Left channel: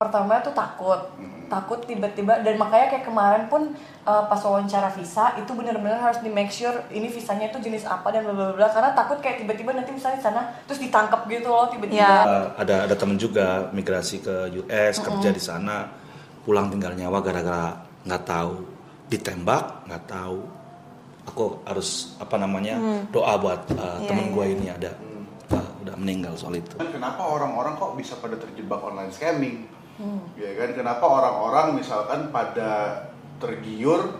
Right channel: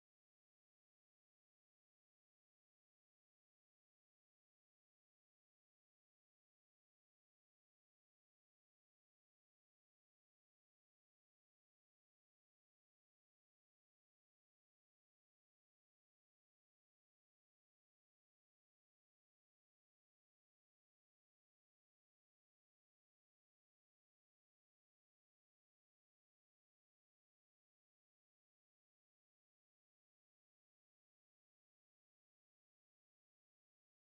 Pertama tuh takut tiba-tiba, dan makanya kayak kemarin pun pas wawancara visa itu benar-benar harus di make sure ini visanya itu jenis apa dan bla bla bla, karena takut kayak tiba-tiba nanti misalnya di sana terus ditangkap gitu loh tiba-tiba. Ada temen juga migrasi ke US kerja di sana, pulang tinggal nyawa gara-gara nggak tahu, ditembak nggak tahu. Aku harus doa buat temen gue ini ada udah meninggal soal itu. Kenapa orang-orang kok bisa pada terjebak online scamming? Ya kan, kenapa orang-orang misalkan pada tergiur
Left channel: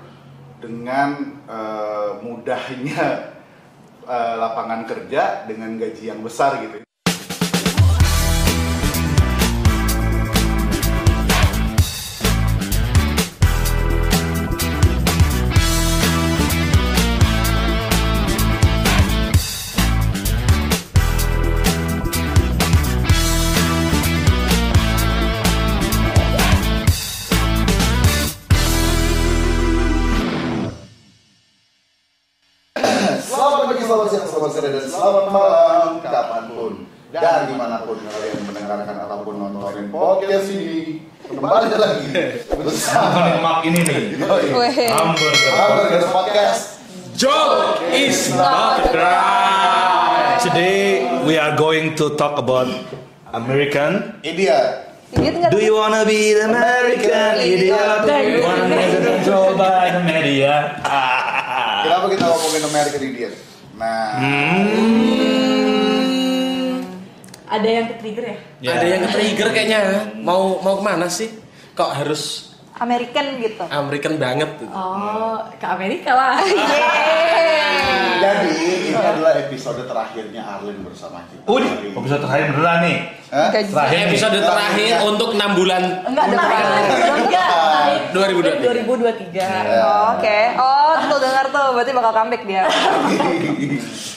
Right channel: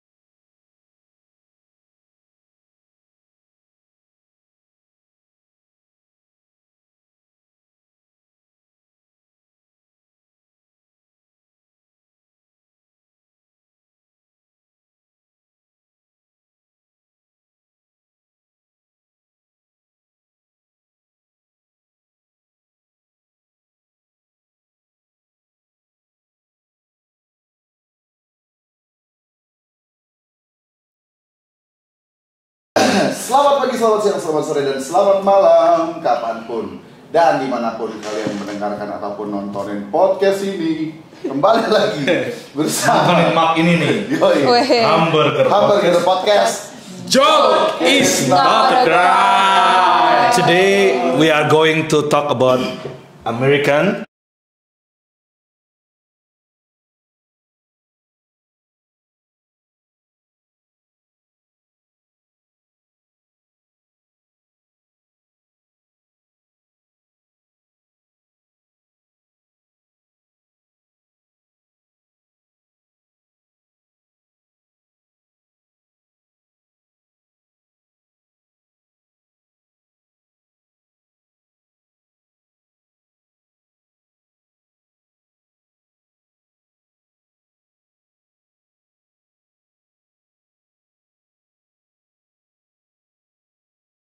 dengan mudahnya lapangan kerja dengan gaji yang besar gitu. Selamat siang, selamat sore, dan selamat malam kapanpun dan dimanapun kalian mendengarkan ataupun nontonin podcast ini. Kembali lagi bersama Mak ini nih Hamburger Podcast. Joke is not a crime. Today we are going to talk about American Idiot. Do you wanna be the American idiot? Do you wanna be controlled by the media? Kenapa kita ngomongin American Idiot? Nah, Ada yang ke-trigger ya? Ada yang ke-trigger kayaknya. Mau kemana sih? Kok harus American gitu. American banget? Oh, ke Amerika lah. jadi ini adalah episode terakhirnya Arlin bersama kita. Episode terakhir beneran nih. Terakhir nih. Episode terakhir untuk 6 bulan. Enggak, 2023. Oke. Oh, tuh dengar tuh, berarti bakal comeback dia.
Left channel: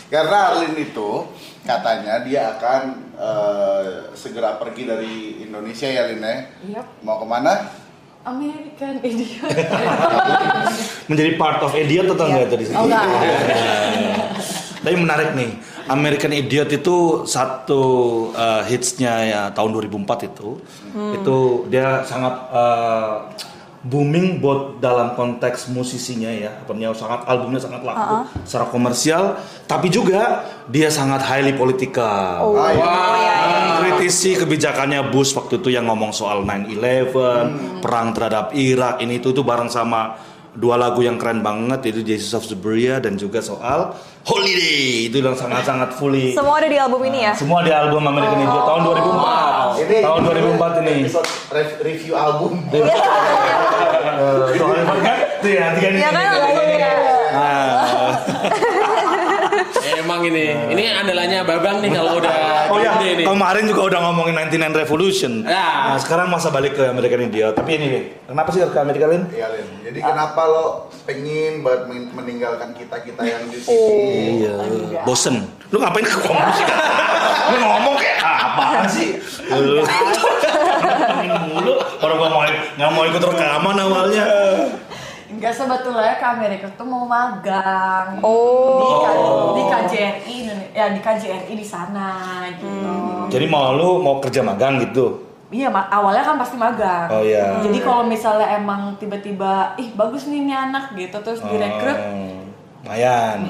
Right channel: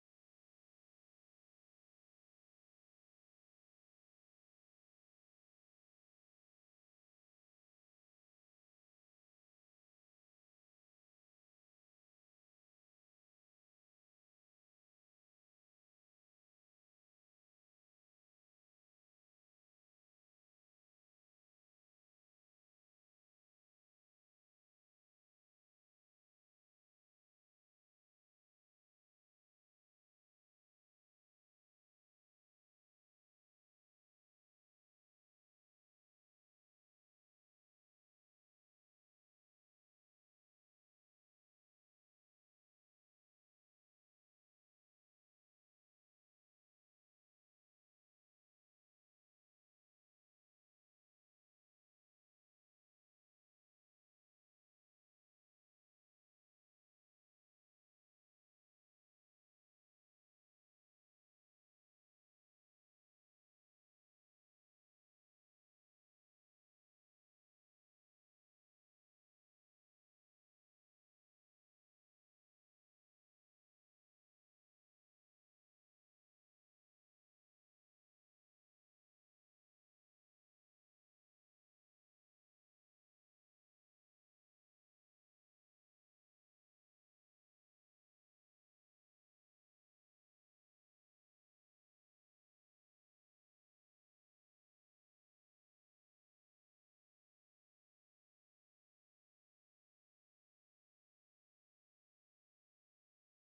Karena Arlin itu katanya dia akan segera pergi dari Indonesia ya, Lin ya. Yep. Mau kemana? American Idiot. Menjadi part of idiot atau enggak tadi? Oh enggak. Tapi menarik nih, American Idiot itu satu hitsnya ya tahun 2004 itu. Itu dia sangat booming buat dalam konteks musisinya ya, albumnya sangat laku secara komersial, tapi juga dia sangat highly political. Kritisi kebijakannya Bush waktu itu yang ngomong soal 9/11, perang terhadap Irak, ini itu bareng sama dua lagu yang keren banget, itu Jesus of Suburbia dan juga soal Holiday, itu yang sangat-sangat fully. Semua ada di album ini ya? Semua di album American Idiot tahun 2004. Ini tahun 2004 ini. Episode review album. Soalnya kan tuh ya, nanti kan Iya kan albumnya. Emang ini andalannya Babang nih kalau udah gede nih. Kemarin juga udah ngomongin 99 Revolution. Ya. Nah, sekarang masa balik ke American Idiot. Tapi ini nih, kenapa sih ke Amerika, Lin? Iya, Lin. Jadi kenapa lo pengen banget meninggalkan kita yang di sini? Iya, bosen. Lu ngapain ke ngomong sih? Lu ngomong kayak apaan sih? Lu mulu. Orang nggak mau ikut rekaman awalnya. Enggak, sebetulnya ke Amerika tuh mau magang. Di KJRI, di KJRI di sana gitu. Jadi mau kerja magang gitu? Iya, awalnya kan pasti magang. Oh iya. Jadi kalau misalnya emang tiba-tiba, bagus nih ini anak gitu, terus direkrut. Lumayan.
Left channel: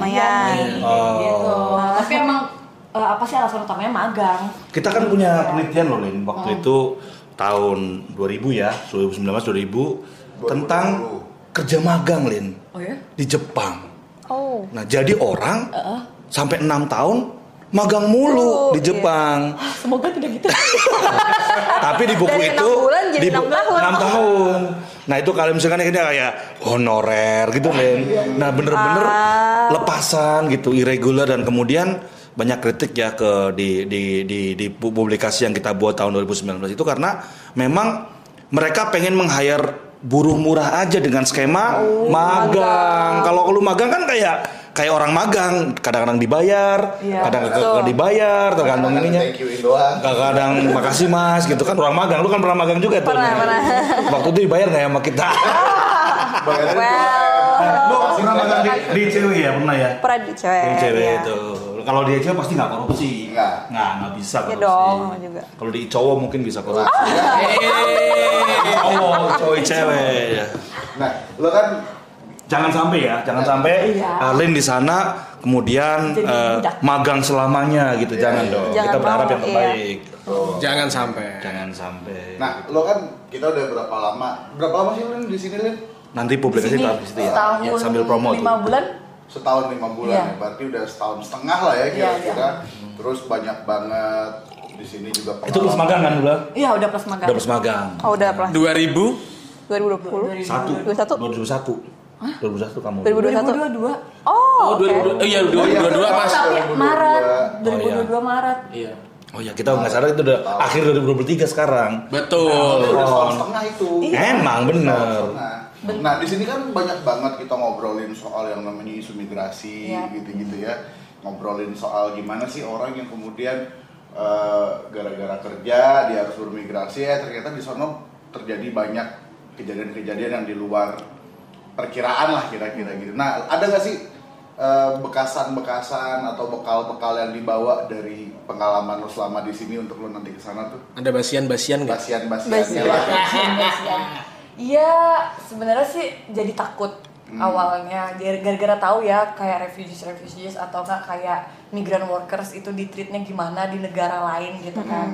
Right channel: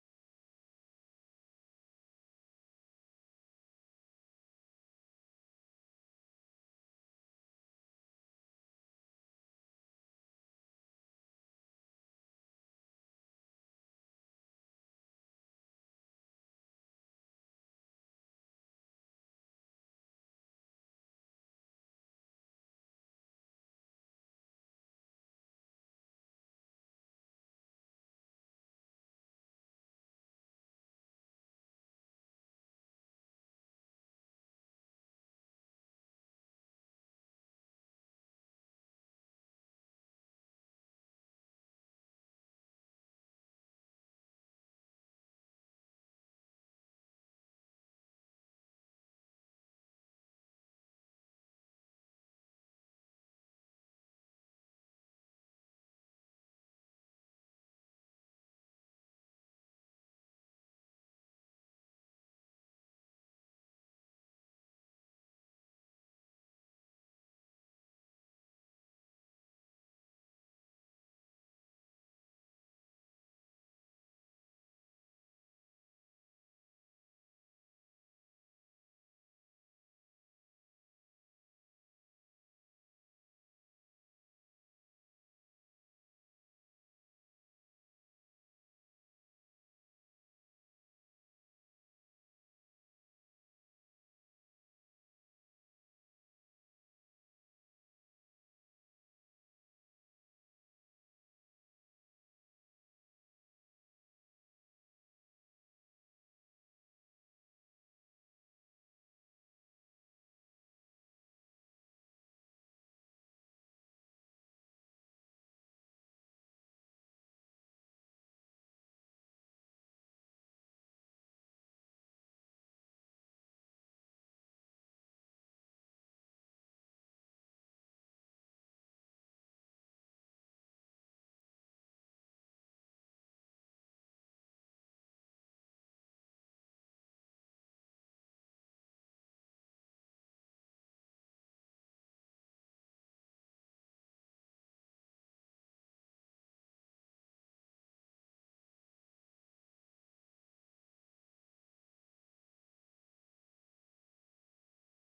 Gitu. Tapi emang apa sih alasan utamanya magang? Kita kan punya penelitian loh, Lin. Waktu itu tahun 2000 ya, 2019-2000 tentang kerja magang, Lin. Oh ya? Di Jepang. Oh. Nah, jadi orang sampai 6 tahun magang mulu di Jepang. Semoga tidak gitu. Tapi di buku Dari itu 6 bulan jadi 6 tahun. 6 tahun. Nah, itu kalau misalkan ini kayak honorer gitu, Lin. Nah, bener-bener lepasan gitu, irregular, dan kemudian banyak kritik ya di publikasi yang kita buat tahun 2019 itu karena memang mereka pengen meng-hire buruh murah aja dengan skema magang. Kalau lu magang kan kayak orang magang, kadang-kadang dibayar, kadang-kadang dibayar, tergantung ininya. Kadang-kadang makasih Mas gitu kan, orang magang. Lu kan pernah magang juga tuh. Pernah. Waktu itu dibayar nggak ya sama kita? Lu pernah magang di cewek ya, pernah ya? Pernah di cewek. Di cewek ya. itu. Kalau di cewek pasti nggak korupsi. Nggak bisa Iya korupsi. dong, juga. Kalau di cowok mungkin bisa korupsi. cewek ya. Nah, lo kan Jangan sampai Iya. Lin di sana kemudian Jadi budak. magang selamanya gitu, jangan dong. Jangan Kita berharap mau, yang terbaik. Jangan sampai. Jangan sampai. nah, lo kan kita udah berapa lama sih Lin di sini Lin? Nanti publikasi Sini taruh di situ ya. setahun Ya, sambil promo 5 tuh. bulan. Setahun 5 bulan Iya. ya, berarti udah setahun setengah lah ya kira-kira. Iya. Terus banyak banget di sini juga Itu plus magang kan udah? Iya, udah plus magang. Udah plus magang. Oh udah plus 2000 2020. 2021 kamu. 2022. Oh, oke. 2022. Oh iya 2022 Mas. Tapi 2022. Maret. Oh, iya. 2022 Maret. Iya. Oh ya, kita nggak sadar itu udah akhir 2023 sekarang. Betul. Udah setahun setengah itu. Emang bener. Nah, di sini kan banyak banget kita ngobrolin soal yang namanya isu migrasi Iya. gitu-gitu ya. Ngobrolin soal gimana sih orang yang kemudian gara-gara kerja dia harus bermigrasi, ternyata di sana terjadi banyak kejadian-kejadian yang di luar perkiraan lah kira-kira gitu. Nah, ada nggak sih bekasan-bekasan atau bekal-bekal yang dibawa dari pengalaman lo selama di sini untuk lo nanti ke sana tuh? Ada basian-basian nggak? Basian-basiannya lah. Iya, sebenarnya sih jadi takut awalnya gara-gara tahu ya kayak refugees atau enggak kayak migran workers itu di-treatnya gimana di negara lain gitu kan.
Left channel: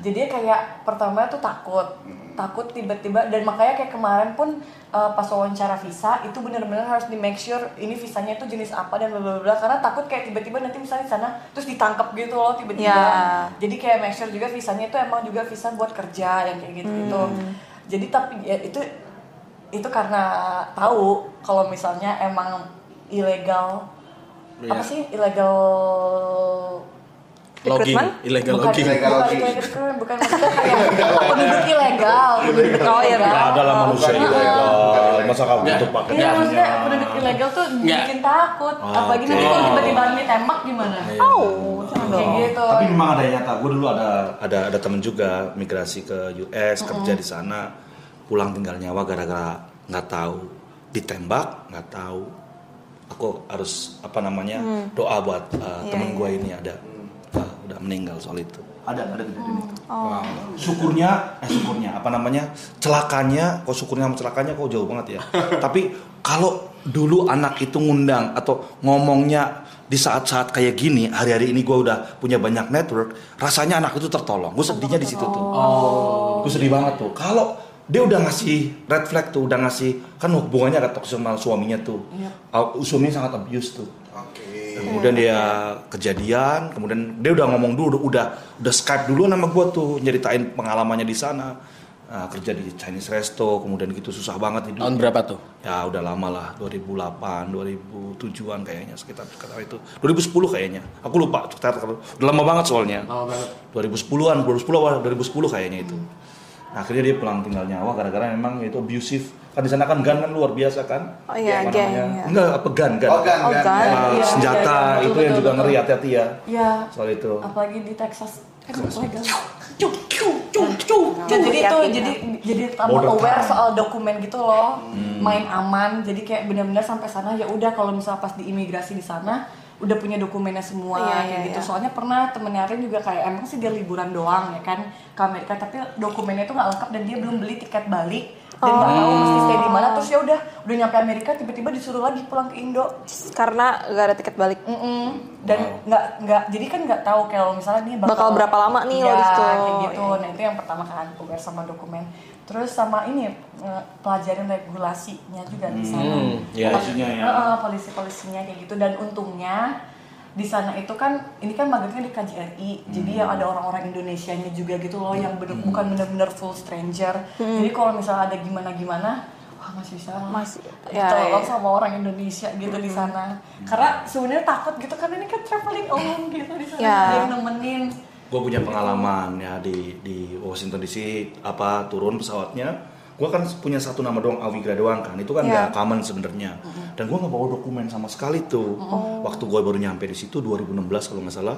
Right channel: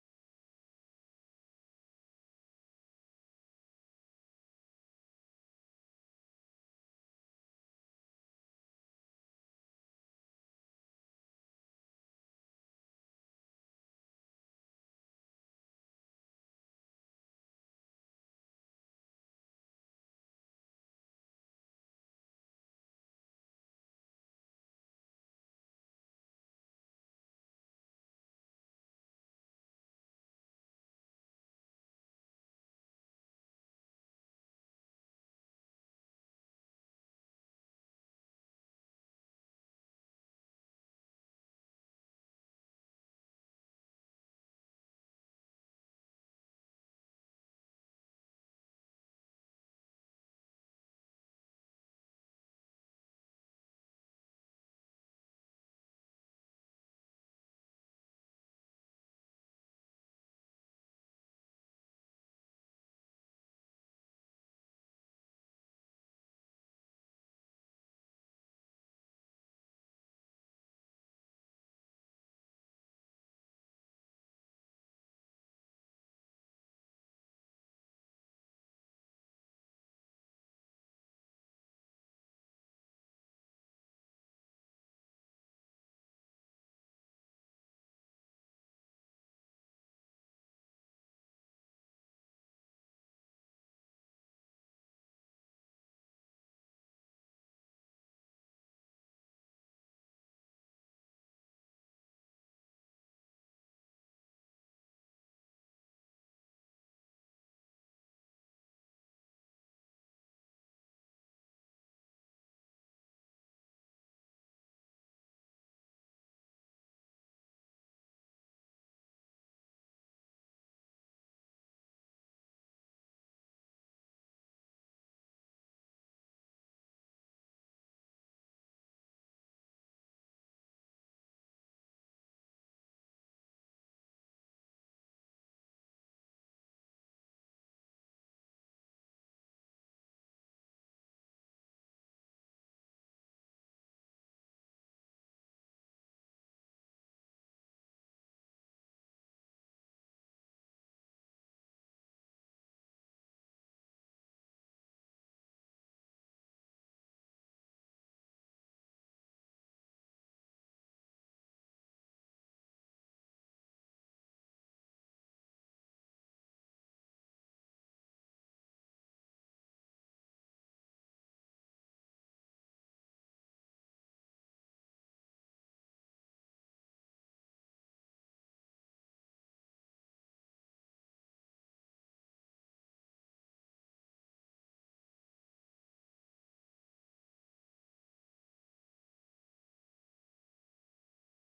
Jadi kayak pertama tuh takut tiba-tiba, dan makanya kayak kemarin pun pas wawancara visa itu benar-benar harus di make sure ini visanya itu jenis apa dan bla bla bla, karena takut kayak tiba-tiba nanti misalnya di sana terus ditangkap gitu loh tiba-tiba. Ya. Jadi kayak make sure juga visanya itu emang juga visa buat kerja yang kayak gitu-gitu. Jadi tapi ya itu karena tahu kalau misalnya emang ilegal apa sih ilegal Logging, Recruitment? illegal bukan logging. bukan maksudnya kayak penduduk ilegal Oh, iya, Nggak ada lah manusia Bukan ilegal. ilegal. Masa kamu Nggak. untuk pakai iya maksudnya penduduk ilegal tuh Nggak. bikin takut apalagi nanti oke. kalau tiba-tiba ditembak gimana Oh, jangan kayak dong. gitu. Tapi memang ada yang nyata. Gue dulu ada temen juga migrasi ke US, kerja di sana, pulang tinggal nyawa gara-gara nggak tahu, ditembak nggak tahu. Aku harus doa buat temen gue ini ada udah meninggal soal itu. Ada kejadian itu. Oh. Syukurnya celakanya sama celakanya kok jauh banget ya. Tapi kalau dulu anak itu ngundang atau ngomongnya di saat-saat kayak gini, hari-hari ini gue udah punya banyak network, rasanya anak itu tertolong. Gue sedihnya di situ tuh. Gue sedih banget tuh. Kalau dia udah ngasih red flag tuh, udah ngasih, kan hubungannya agak toksik sama suaminya tuh. Suaminya sangat abuse tuh. Kemudian dia kejadian, kemudian dia udah ngomong dulu, udah Skype dulu sama gue tuh, nyeritain pengalamannya di sana. Nah, kerja di Chinese resto, kemudian gitu susah banget hidup. Tahun berapa tuh? Ya udah lama lah, 2008, 2007-an kayaknya sekitar itu. 2010 kayaknya. Aku lupa, udah lama banget soalnya. Lama banget. 2010-an, 2010 kayaknya itu. Nah, akhirnya dia pulang tinggal nyawa gara-gara memang itu abusive. Kan di sana kan gun kan luar biasa kan? Oh iya, Apa geng. namanya? Ya. Enggak, apa gun. Oh, kan. Oh, kan. Iya, Senjata iya, itu betul, yang juga betul. ngeri, hati-hati ya. Iya. Soal itu. Apalagi di Texas kan ilegal. Nah, Jadi itu hati-hati. jadi tambah Border aware town. soal dokumen gitu loh, main aman. Jadi kayak benar-benar sampai sana ya udah kalau misalnya pas di imigrasi di sana udah punya dokumennya semua Iya, kayak iya, gitu. iya. Soalnya pernah temennya Arin juga kayak emang sih dia liburan doang ya kan ke Amerika, tapi dokumennya itu nggak lengkap dan dia belum beli tiket balik dan nggak tahu mesti stay di mana. Terus ya udah nyampe Amerika tiba-tiba disuruh lagi pulang ke Indo. Karena gak ada tiket balik. Dan nggak jadi kan nggak tahu kalau misalnya nih Bakal berapa lama nih lo ya, di situ. kayak gitu. Nah itu yang pertama kan aware sama dokumen. Terus sama ini pelajarin regulasinya juga di sana. Iya. Polisinya ya. Polisi-polisinya kayak gitu. Dan untungnya di sana itu kan ini kan magangnya di KJRI, jadi ya ada orang-orang Indonesianya juga gitu loh yang bukan benar-benar full stranger. Jadi kalau misalnya ada gimana-gimana, wah masih bisa Masih, ya, tolong ya. sama orang Indonesia gitu di sana. Karena sebenarnya takut gitu kan ini kan traveling alone gitu di sana, Ya. ada yang nemenin. Gue punya pengalaman ya di Washington DC, turun pesawatnya. Gue kan punya satu nama doang, Awigra doang kan, itu kan nggak common sebenarnya. Dan gue nggak bawa dokumen sama sekali tuh. Waktu gue baru nyampe di situ 2016 kalau nggak salah,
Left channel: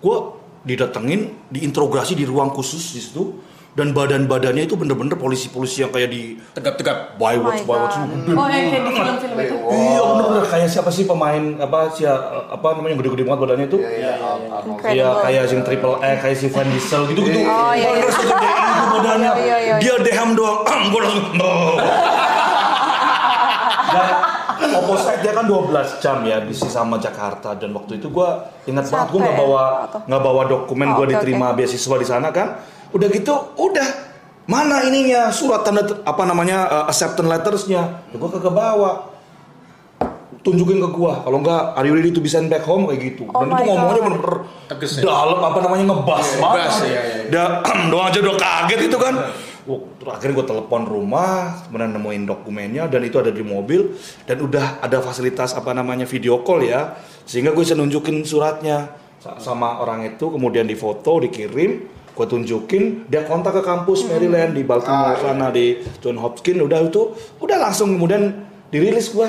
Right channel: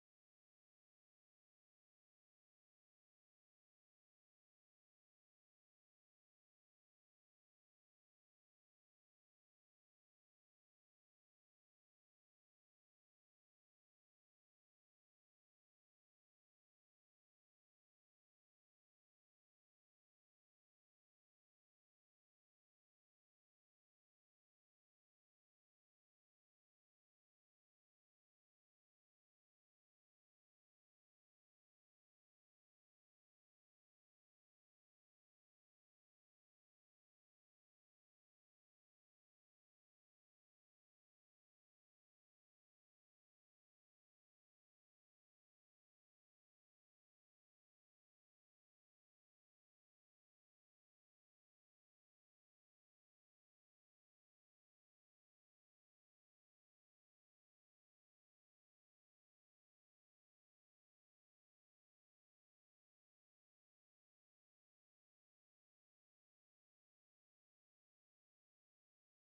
gue didatengin, diinterogasi di ruang khusus di situ. dan badan-badannya itu bener-bener polisi-polisi yang kayak di Tegap-tegap. Baywatch Oh my itu God. Oh, yang kayak di film-film itu. iya bener-bener kayak siapa sih pemain apa namanya yang gede-gede banget badannya itu Iya, Arnold. Incredible. iya kayak si Triple X kayak si Van Diesel gitu-gitu Oh, iya, iya. bener segede itu badannya Iya, iya. dia deham doang gue langsung dan opposite dia kan 12 jam ya di sama Jakarta dan waktu itu gue ingat banget gue Capek nggak bawa dokumen Oh, gue oke, diterima beasiswa di sana kan udah gitu udah mana ininya surat tanda acceptance lettersnya ya gue kagak bawa tunjukin ke gua kalau enggak are you ready to be sent back home kayak gitu Oh dan itu my ngomongnya God. bener-bener Tegas ya? dalam ngebas banget ngebas, iya. doang aja udah kaget itu kan. Terus akhirnya gue telepon rumah, kemudian nemuin dokumennya dan itu ada di mobil dan udah ada fasilitas video call ya, sehingga gue bisa nunjukin suratnya sama orang itu, kemudian difoto, dikirim, gue tunjukin, dia kontak ke kampus Maryland di Baltimore sana di John Hopkins, udah langsung kemudian dirilis gue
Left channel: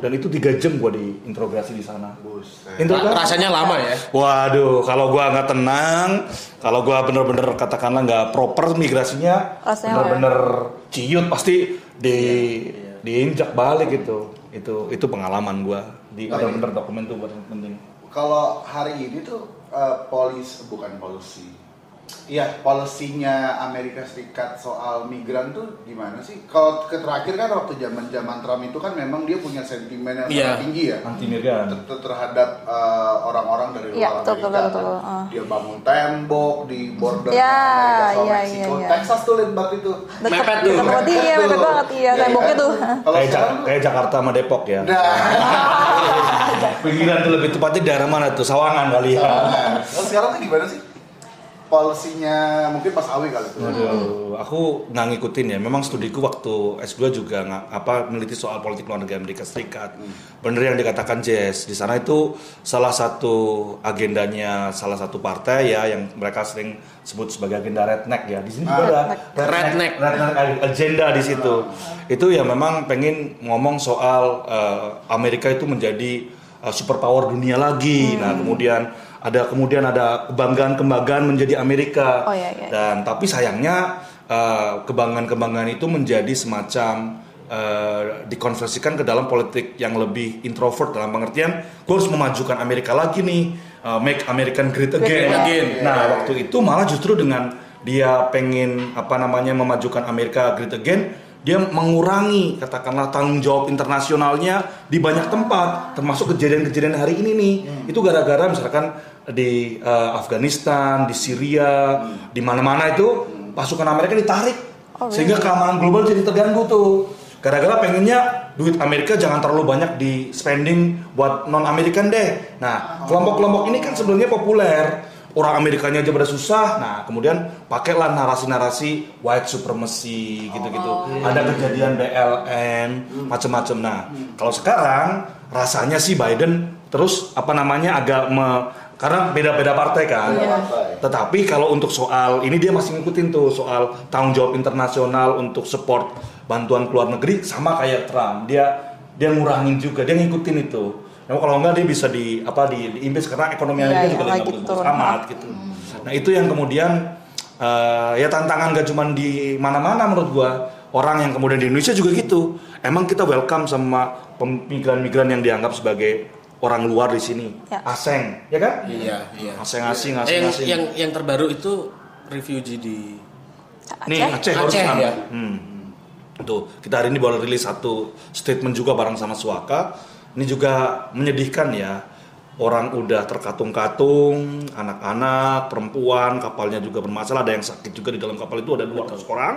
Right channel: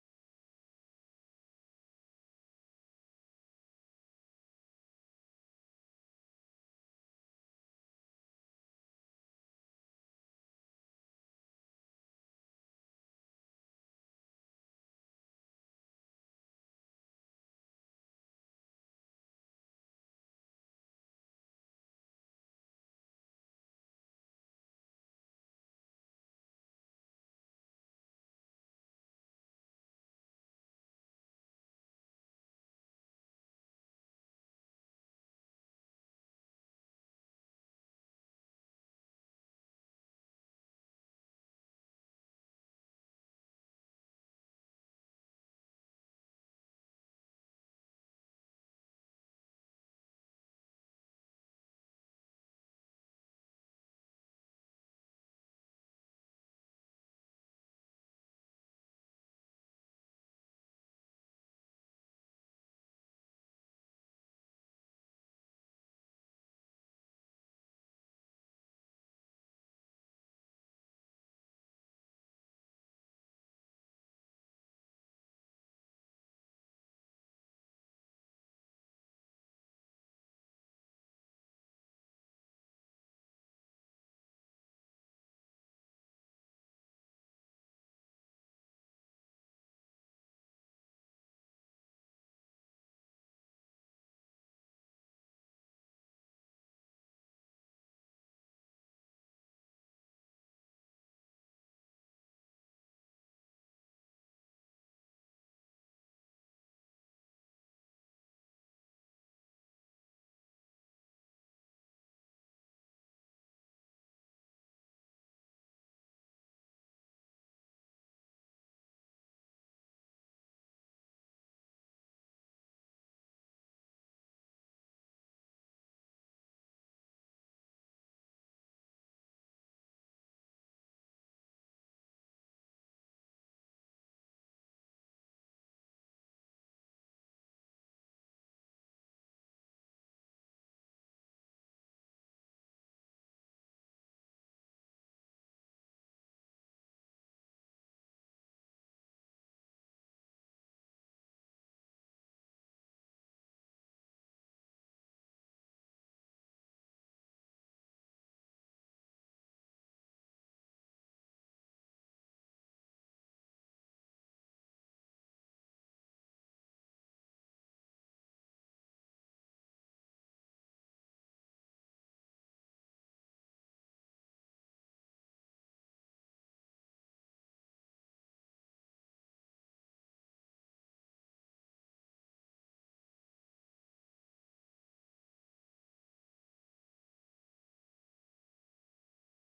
dan itu 3 jam gue diinterogasi di sana. Rasanya lama ya? Waduh, kalau gua nggak tenang, kalau gua bener-bener katakanlah nggak proper migrasinya, Rasanya bener-bener ciut pasti diinjak balik gitu. Itu pengalaman gua di bener-bener dokumen tuh buat penting. Kalau hari ini tuh polisinya Amerika Serikat soal migran tuh gimana sih? Kalau terakhir kan waktu zaman Trump itu kan memang dia punya sentimen yang sangat tinggi ya Anti migran terhadap orang-orang dari luar Iya, betul, Amerika. betul. Dia bangun tembok di border Iya, Amerika sama iya, Meksiko. iya. Texas tuh lihat banget itu. Mepet tuh. Deket banget, iya, mepet banget, iya, temboknya tuh. Kalau kayak sekarang tuh, kayak Jakarta sama Depok ya. nah, Pinggiran tuh lebih tepatnya daerah mana tuh? Sawangan kali ya. kalau sekarang tuh gimana sih? Polisinya mungkin Mas Awi kali itu. Waduh, aku nggak ngikutin ya. Memang studiku waktu S2 juga meneliti soal politik luar negeri Amerika Serikat. Bener yang dikatakan Jess. Di sana itu salah satu agendanya salah satu partai ya yang mereka sering sebut sebagai agenda redneck ya. Di sini juga ada redneck agenda di situ. Itu ya memang pengen ngomong soal Amerika itu menjadi superpower dunia lagi. Nah, kemudian ada kebanggaan menjadi Amerika. Oh, iya, iya. Dan tapi sayangnya kebanggaan itu menjadi semacam dikonversikan ke dalam politik yang lebih introvert dalam pengertian gue harus memajukan Amerika lagi nih, make American great again. Nah, waktu itu malah justru dengan dia pengen memajukan Amerika great again, dia mengurangi katakanlah tanggung jawab internasionalnya di banyak tempat, termasuk kejadian-kejadian hari ini nih. Itu gara-gara misalkan di Afghanistan, di Syria, di mana-mana itu pasukan Amerika ditarik, sehingga keamanan global jadi terganggu tuh. Gara-gara pengennya duit Amerika jangan terlalu banyak di spending buat non-American deh. Nah, kelompok-kelompok ini kan sebenarnya populer. Orang Amerikanya aja pada susah, nah kemudian pakailah narasi-narasi white supremacy gitu-gitu. Ada kejadian BLM, macam-macam. Nah, kalau sekarang rasanya sih Biden terus karena beda-beda partai kan. Tetapi kalau untuk soal ini dia masih ngikutin tuh soal tanggung jawab internasional untuk support bantuan ke luar negeri sama kayak Trump. Dia ngurangin juga, dia ngikutin itu. Nah, kalau enggak dia bisa diimbas karena ekonomi Amerika juga lagi bagus amat gitu. Nah, itu yang kemudian ya tantangan gak cuma di mana-mana menurut gua. Orang yang kemudian di Indonesia juga gitu. Emang kita welcome sama migran-migran yang dianggap sebagai orang luar di sini. Ya. Asing, ya kan? Iya. Asing. Yang terbaru itu refugee di Aceh harus Aceh, sama. ya. Tuh, kita hari ini baru rilis satu statement juga bareng sama Suaka. Ini juga menyedihkan ya. Orang udah terkatung-katung, anak-anak, perempuan, kapalnya juga bermasalah, ada yang sakit juga di dalam kapal itu ada 200 orang.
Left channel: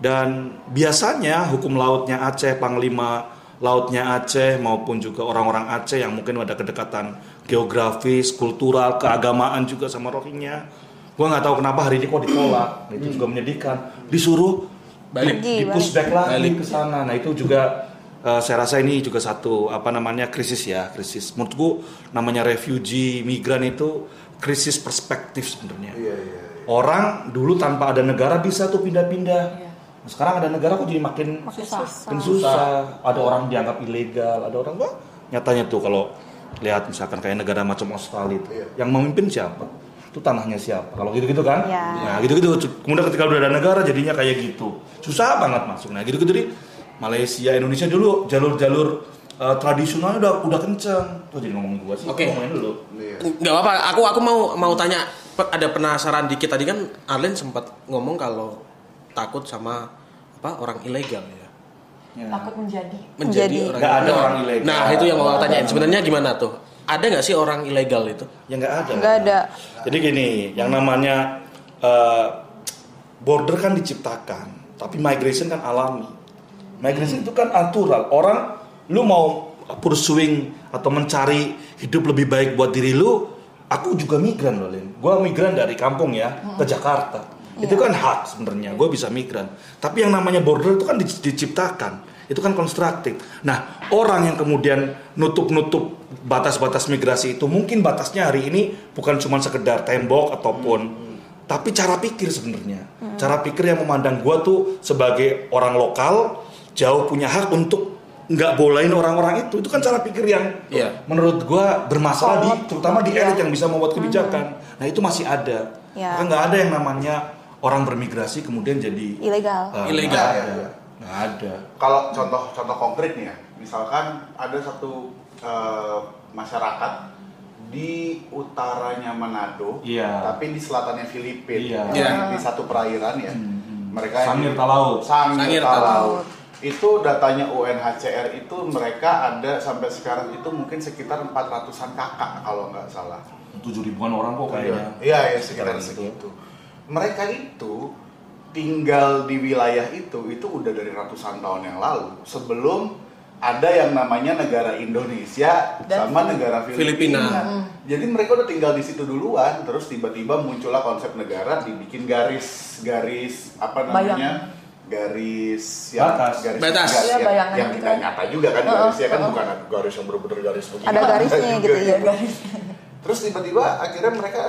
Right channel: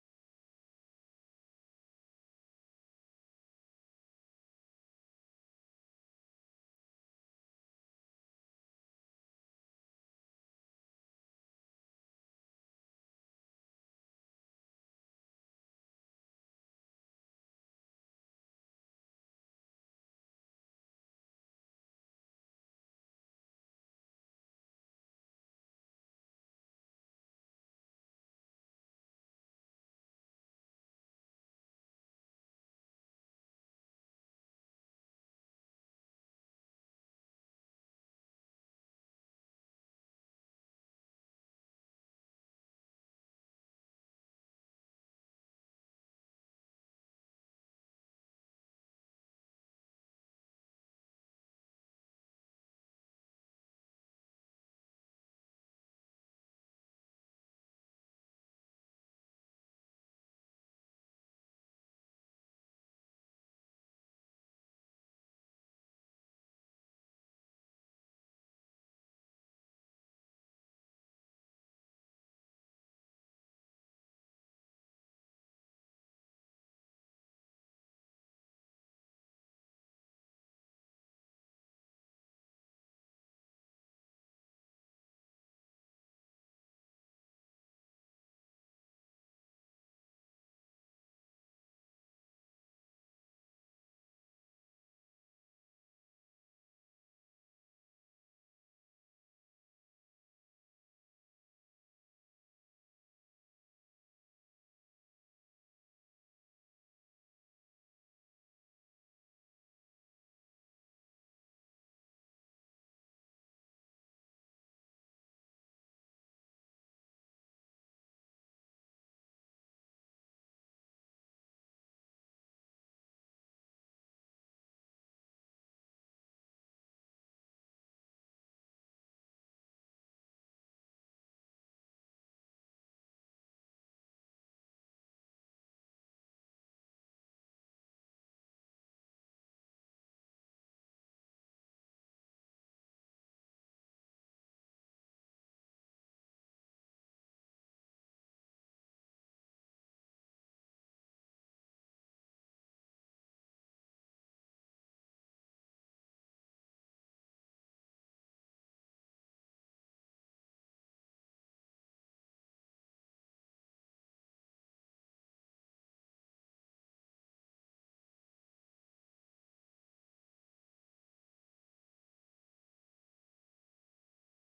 Dan biasanya hukum lautnya Aceh, panglima lautnya Aceh maupun juga orang-orang Aceh yang mungkin ada kedekatan geografis, kultural, keagamaan juga sama Rohingya. Gua nggak tahu kenapa hari ini kok ditolak. Itu juga menyedihkan. Disuruh di push back lagi ke sana. Nah, itu juga saya rasa ini juga satu krisis. Menurutku namanya refugee, migran itu krisis perspektif sebenarnya. Orang dulu tanpa ada negara bisa tuh pindah-pindah. Sekarang ada negara kok jadi makin susah. Ada orang dianggap ilegal, ada orang nyatanya tuh kalau lihat misalkan kayak negara macam Australia itu, yang memimpin siapa? itu tanahnya siapa. Kalau gitu-gitu kan. Ya. Nah gitu-gitu. Kemudian ketika udah ada negara jadinya kayak gitu. Susah banget masuk. Nah gitu-gitu nih Malaysia, Indonesia dulu jalur-jalur tradisionalnya udah kenceng. Tuh jadi ngomong gua sih. Oke. Ngomongin dulu. Nggak apa-apa, aku mau tanya, ada penasaran dikit tadi kan Arlen sempat ngomong kalau takut sama orang ilegal ya. Takut menjadi Orang Nggak ada orang ilegal. Nah itu yang mau tanyain, sebenarnya gimana tuh? Ada nggak sih orang ilegal itu? Ya nggak ada. Nggak ada. Jadi gini, yang namanya border kan diciptakan, tapi migration kan alami. Migration itu kan natural. Orang, lu mau pursuing atau mencari hidup lebih baik buat diri lu, aku juga migran loh, Lin. Gua migran dari kampung ya ke Jakarta. Itu kan hak sebenarnya, gue bisa migran. Tapi yang namanya border itu kan diciptakan, itu kan konstruktif. Nah, orang yang kemudian nutup batas-batas migrasi itu, mungkin batasnya hari ini bukan cuma sekedar tembok ataupun, tapi cara pikir sebenarnya. Cara pikir yang memandang gue tuh sebagai orang lokal, jauh punya hak untuk nggak bolehin orang-orang itu kan cara pikir yang menurut gue bermasalah terutama di elit yang bisa membuat kebijakan. Nah itu masih ada. Kan nggak ada yang namanya orang bermigrasi kemudian jadi ilegal. Nggak ada. Kalau contoh konkret nih ya, misalkan ada satu masyarakat di utaranya Manado, tapi di selatannya Filipina, di satu perairan ya. Mereka Sangir Talaut. Itu datanya UNHCR itu mereka ada sampai sekarang itu mungkin sekitar 400-an kakak kalau nggak salah. 7.000-an orang kok kayaknya. Iya, sekitar segitu. Mereka itu tinggal di wilayah itu udah dari ratusan tahun yang lalu, sebelum ada yang namanya negara Indonesia sama negara Filipina. Jadi mereka udah tinggal di situ duluan, terus tiba-tiba muncullah konsep negara, dibikin garis apa namanya? Garis yang batas. Yang tidak nyata juga kan garisnya kan bukan garis yang benar-benar garis begini. Ada garisnya gitu ya. Terus tiba-tiba akhirnya mereka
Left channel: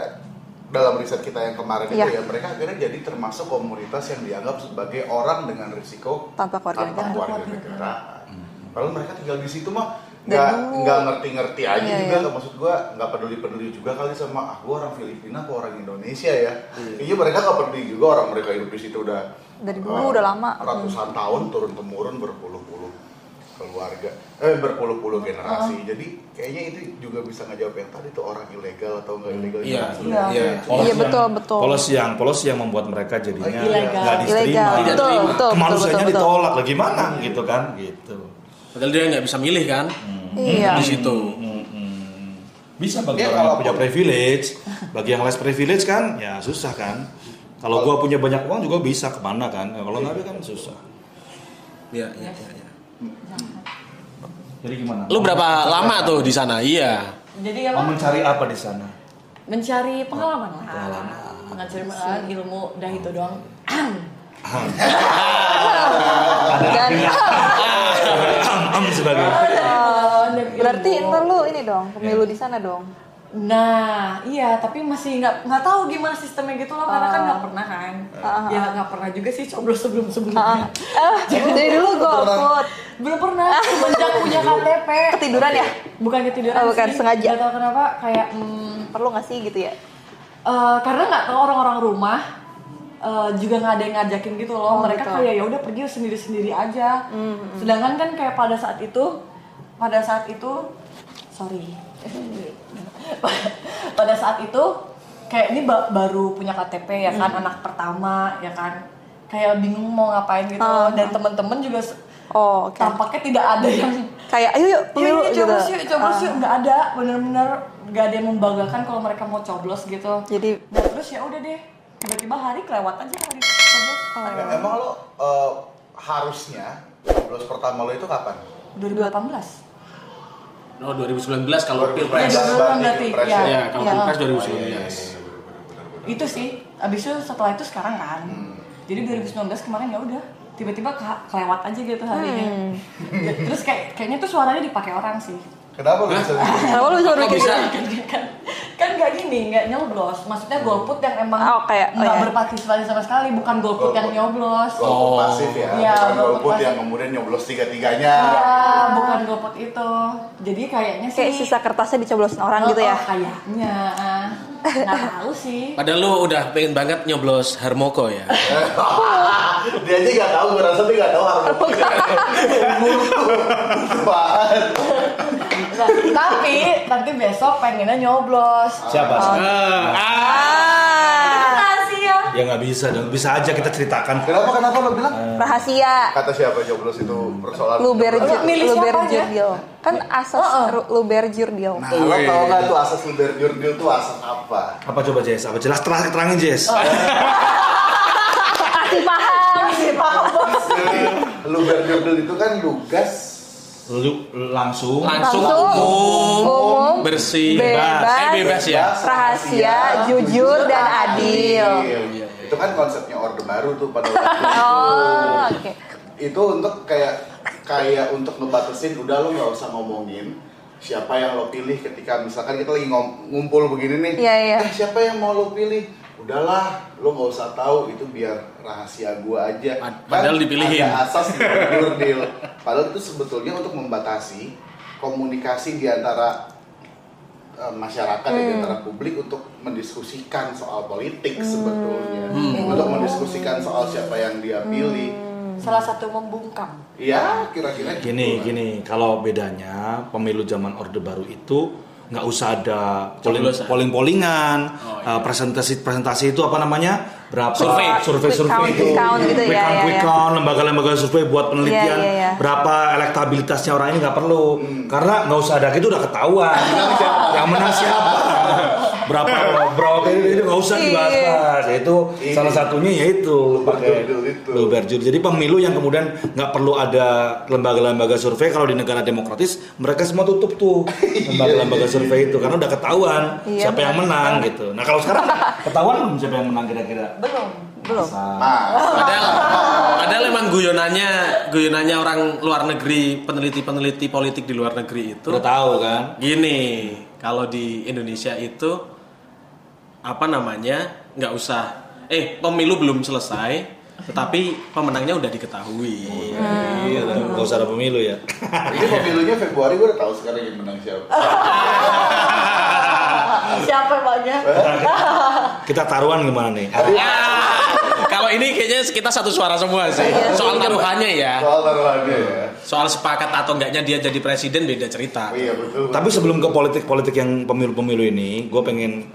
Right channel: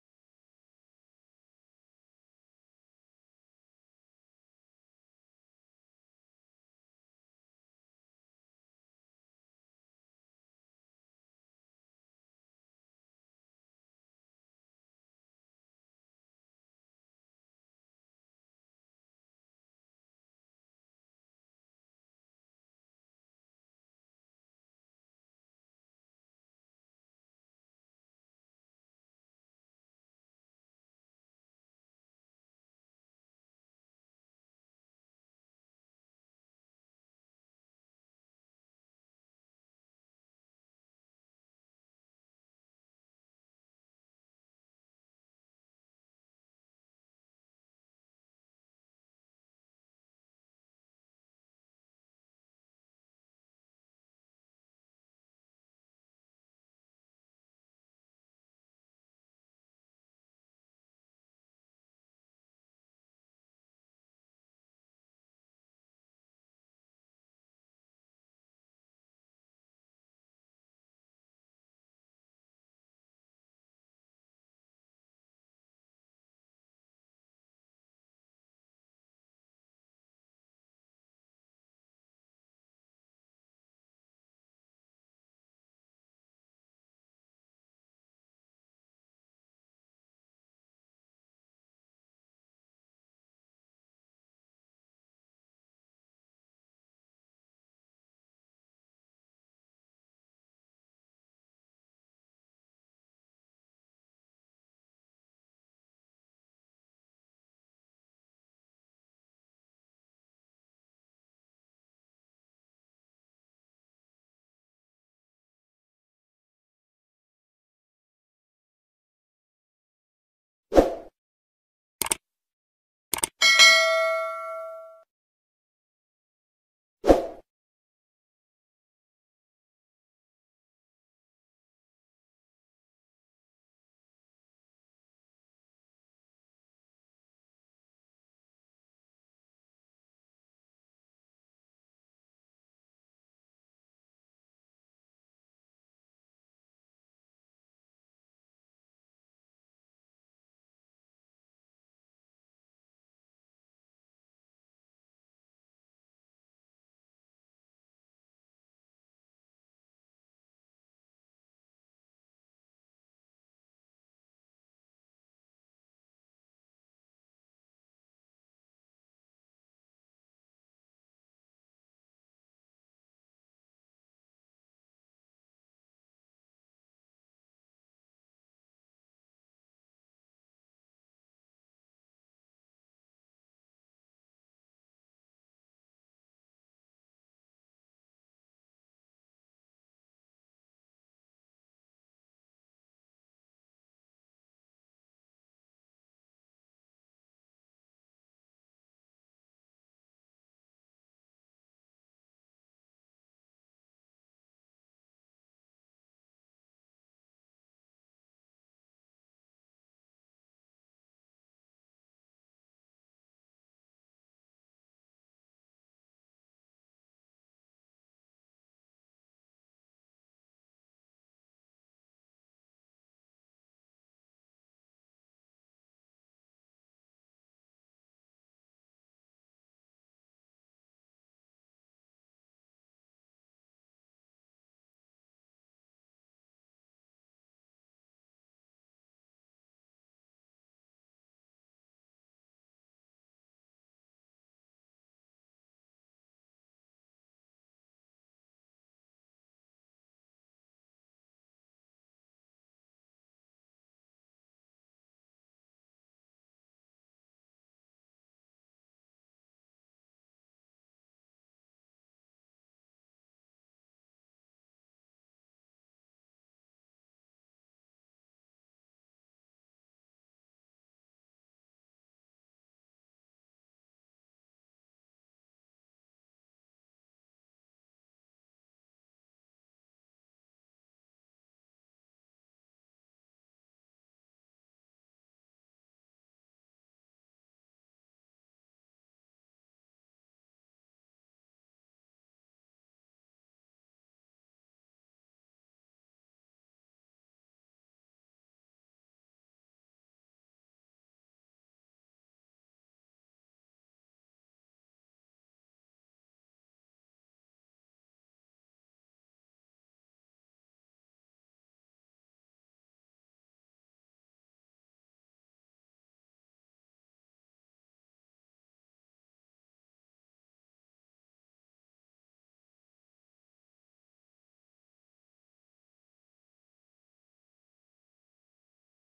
dalam riset kita yang kemarin itu ya mereka akhirnya jadi termasuk komunitas yang dianggap sebagai orang dengan risiko tanpa keluarga negaraan. Kalau mereka tinggal di situ mah nggak ngerti-ngerti aja juga, maksud gua nggak peduli juga kali sama gua orang Filipina atau orang Indonesia ya. Iya mereka nggak peduli juga, orang mereka hidup di situ udah dari dulu udah lama, ratusan tahun turun temurun berpuluh-puluh keluarga, berpuluh-puluh generasi. Jadi kayaknya itu juga bisa ngejawab yang tadi tuh orang ilegal atau nggak ilegal. Iya betul. Polisi yang membuat mereka jadinya nggak diterima. Betul. Kemanusiaannya ditolak lah gimana gitu kan gitu. Padahal dia nggak bisa milih kan? Iya. Di situ. Bisa bagi orang yang punya privilege, bagi yang less privilege kan ya susah kan. Kalau gua punya banyak uang juga bisa kemana kan? Kalau nggak ada kan susah. Iya. Jadi gimana? Lu berapa lama tuh di sana? Iya. Jadi Mau mencari apa di sana? mencari pengalaman lah. Mencari ilmu dah itu doang. Sebagai. Berarti ntar lu ini dong, pemilu di sana dong. Nah, iya, tapi masih nggak tahu gimana sistemnya gitu loh, karena kan nggak pernah kan. Ya nggak pernah juga sih coblos sebelumnya. Dari dulu golput. Belum pernah, semenjak punya KTP. Ketiduran ya? Bukan ketiduran bukan sih. sengaja. Nggak tahu kenapa, kayak perlu nggak sih gitu ya? Karena nggak tahu orang-orang rumah juga nggak ada yang ngajakin gitu loh. Mereka gitu. kayak ya udah pergi sendiri-sendiri aja. Sedangkan kan kayak pada saat itu pada saat itu kayak ini baru punya KTP ya kan, anak pertama ya kan, kayak bingung mau ngapain gitu. Dan teman-teman juga tampaknya tidak ada yang kayak ayo yuk pemilu coblos yuk, nggak ada, bener-bener nggak ada yang membanggakan kalau mereka mau coblos gitu. Jadi terus ya udah deh, tiba-tiba hari kelewat aja hari coblos. Emang lo harusnya coblos pertama lo itu kapan? 2018. Oh 2019 kalau pilpres. Ya, kalau pilpres 2019. Itu sih, abis itu setelah itu sekarang kan. Jadi 2019 kemarin ya udah tiba-tiba kelewat aja gitu harinya. Terus kayaknya tuh suaranya dipakai orang sih. Kenapa lo bisa? Kenapa lu bisa berpikir? Kan nggak gini, nggak nyoblos. Maksudnya golput yang emang kayak nggak berpartisipasi sama sekali, bukan golput yang nyoblos. Golput pasif ya, Iya, bukan golput golput pasif. yang kemudian nyoblos tiga-tiganya. Iya, bukan golput itu. Jadi kayaknya sih Kayak sisa kertasnya dicoblosin orang gitu ya. Kayaknya. Nggak tahu sih. Padahal lu udah pengen banget nyoblos Harmoko ya. Dia aja nggak tahu, gue rasa dia nggak tahu harmonika. Apaan? Nah, tapi nanti besok pengennya nyoblos. Siapa? Rahasia. Ya nggak bisa dong, bisa aja kita ceritakan. Kenapa lo bilang? Rahasia. Kata siapa nyoblos itu persoalan? Milih siapa aja? Luberjurdil. Kan asas Luberjurdil. Nah, lo tau nggak tuh asas Luberjurdil tuh asas apa? Apa coba Jess? Apa jelas terangin Jess? Pasti paham. Luberjurdil itu kan lugas Langsung umum, bersih, bebas, bebas ya. rahasia, jujur dan adil. Itu kan konsepnya Orde Baru tuh pada waktu itu. Oke. Itu untuk kayak untuk ngebatasin, udah lo nggak usah ngomongin siapa yang lo pilih ketika misalkan kita lagi ngumpul begini nih. Iya. Siapa yang mau lo pilih? Udahlah, lo nggak usah tahu, itu biar rahasia gua aja. Padahal dipilihin. Ada asas Luberjurdil. Padahal itu sebetulnya untuk membatasi komunikasi di antara masyarakat dan di antara publik untuk mendiskusikan soal politik sebetulnya. Untuk mendiskusikan soal siapa yang dia pilih. Salah satu membungkam. Iya, kira-kira Gini, kalau bedanya pemilu zaman Orde Baru itu nggak usah ada polling-pollingan, presentasi itu apa namanya, berapa survei Quick count gitu ya. quick count, lembaga-lembaga survei buat penelitian, berapa elektabilitasnya orang ini nggak perlu, karena nggak usah ada gitu udah ketahuan yang menang siapa, berapa itu nggak usah dibahas. Itu salah satunya yaitu pakai Luberjurdil. Jadi pemilu yang kemudian nggak perlu ada lembaga-lembaga survei. Kalau di negara demokratis mereka semua tutup tuh lembaga-lembaga survei itu karena udah ketahuan siapa yang menang gitu. Nah kalau sekarang ketahuan belum siapa yang menang kira-kira? Belum. Padahal emang guyonannya orang luar negeri, peneliti politik di luar negeri itu Udah tahu kan? gini, kalau di Indonesia itu nggak usah pemilu belum selesai tetapi pemenangnya udah diketahui. Nggak usah ada pemilu ya. Ini pemilunya Februari, gue udah tahu sekarang yang menang siapa. Siapa emangnya? Kita taruhan gimana nih? Kalau ini kayaknya kita satu suara semua sih. Soal taruhannya ya. Soal taruhannya ya. Soal sepakat atau enggaknya dia jadi presiden beda cerita. Iya betul. Tapi sebelum ke politik yang pemilu-pemilu ini, gue pengen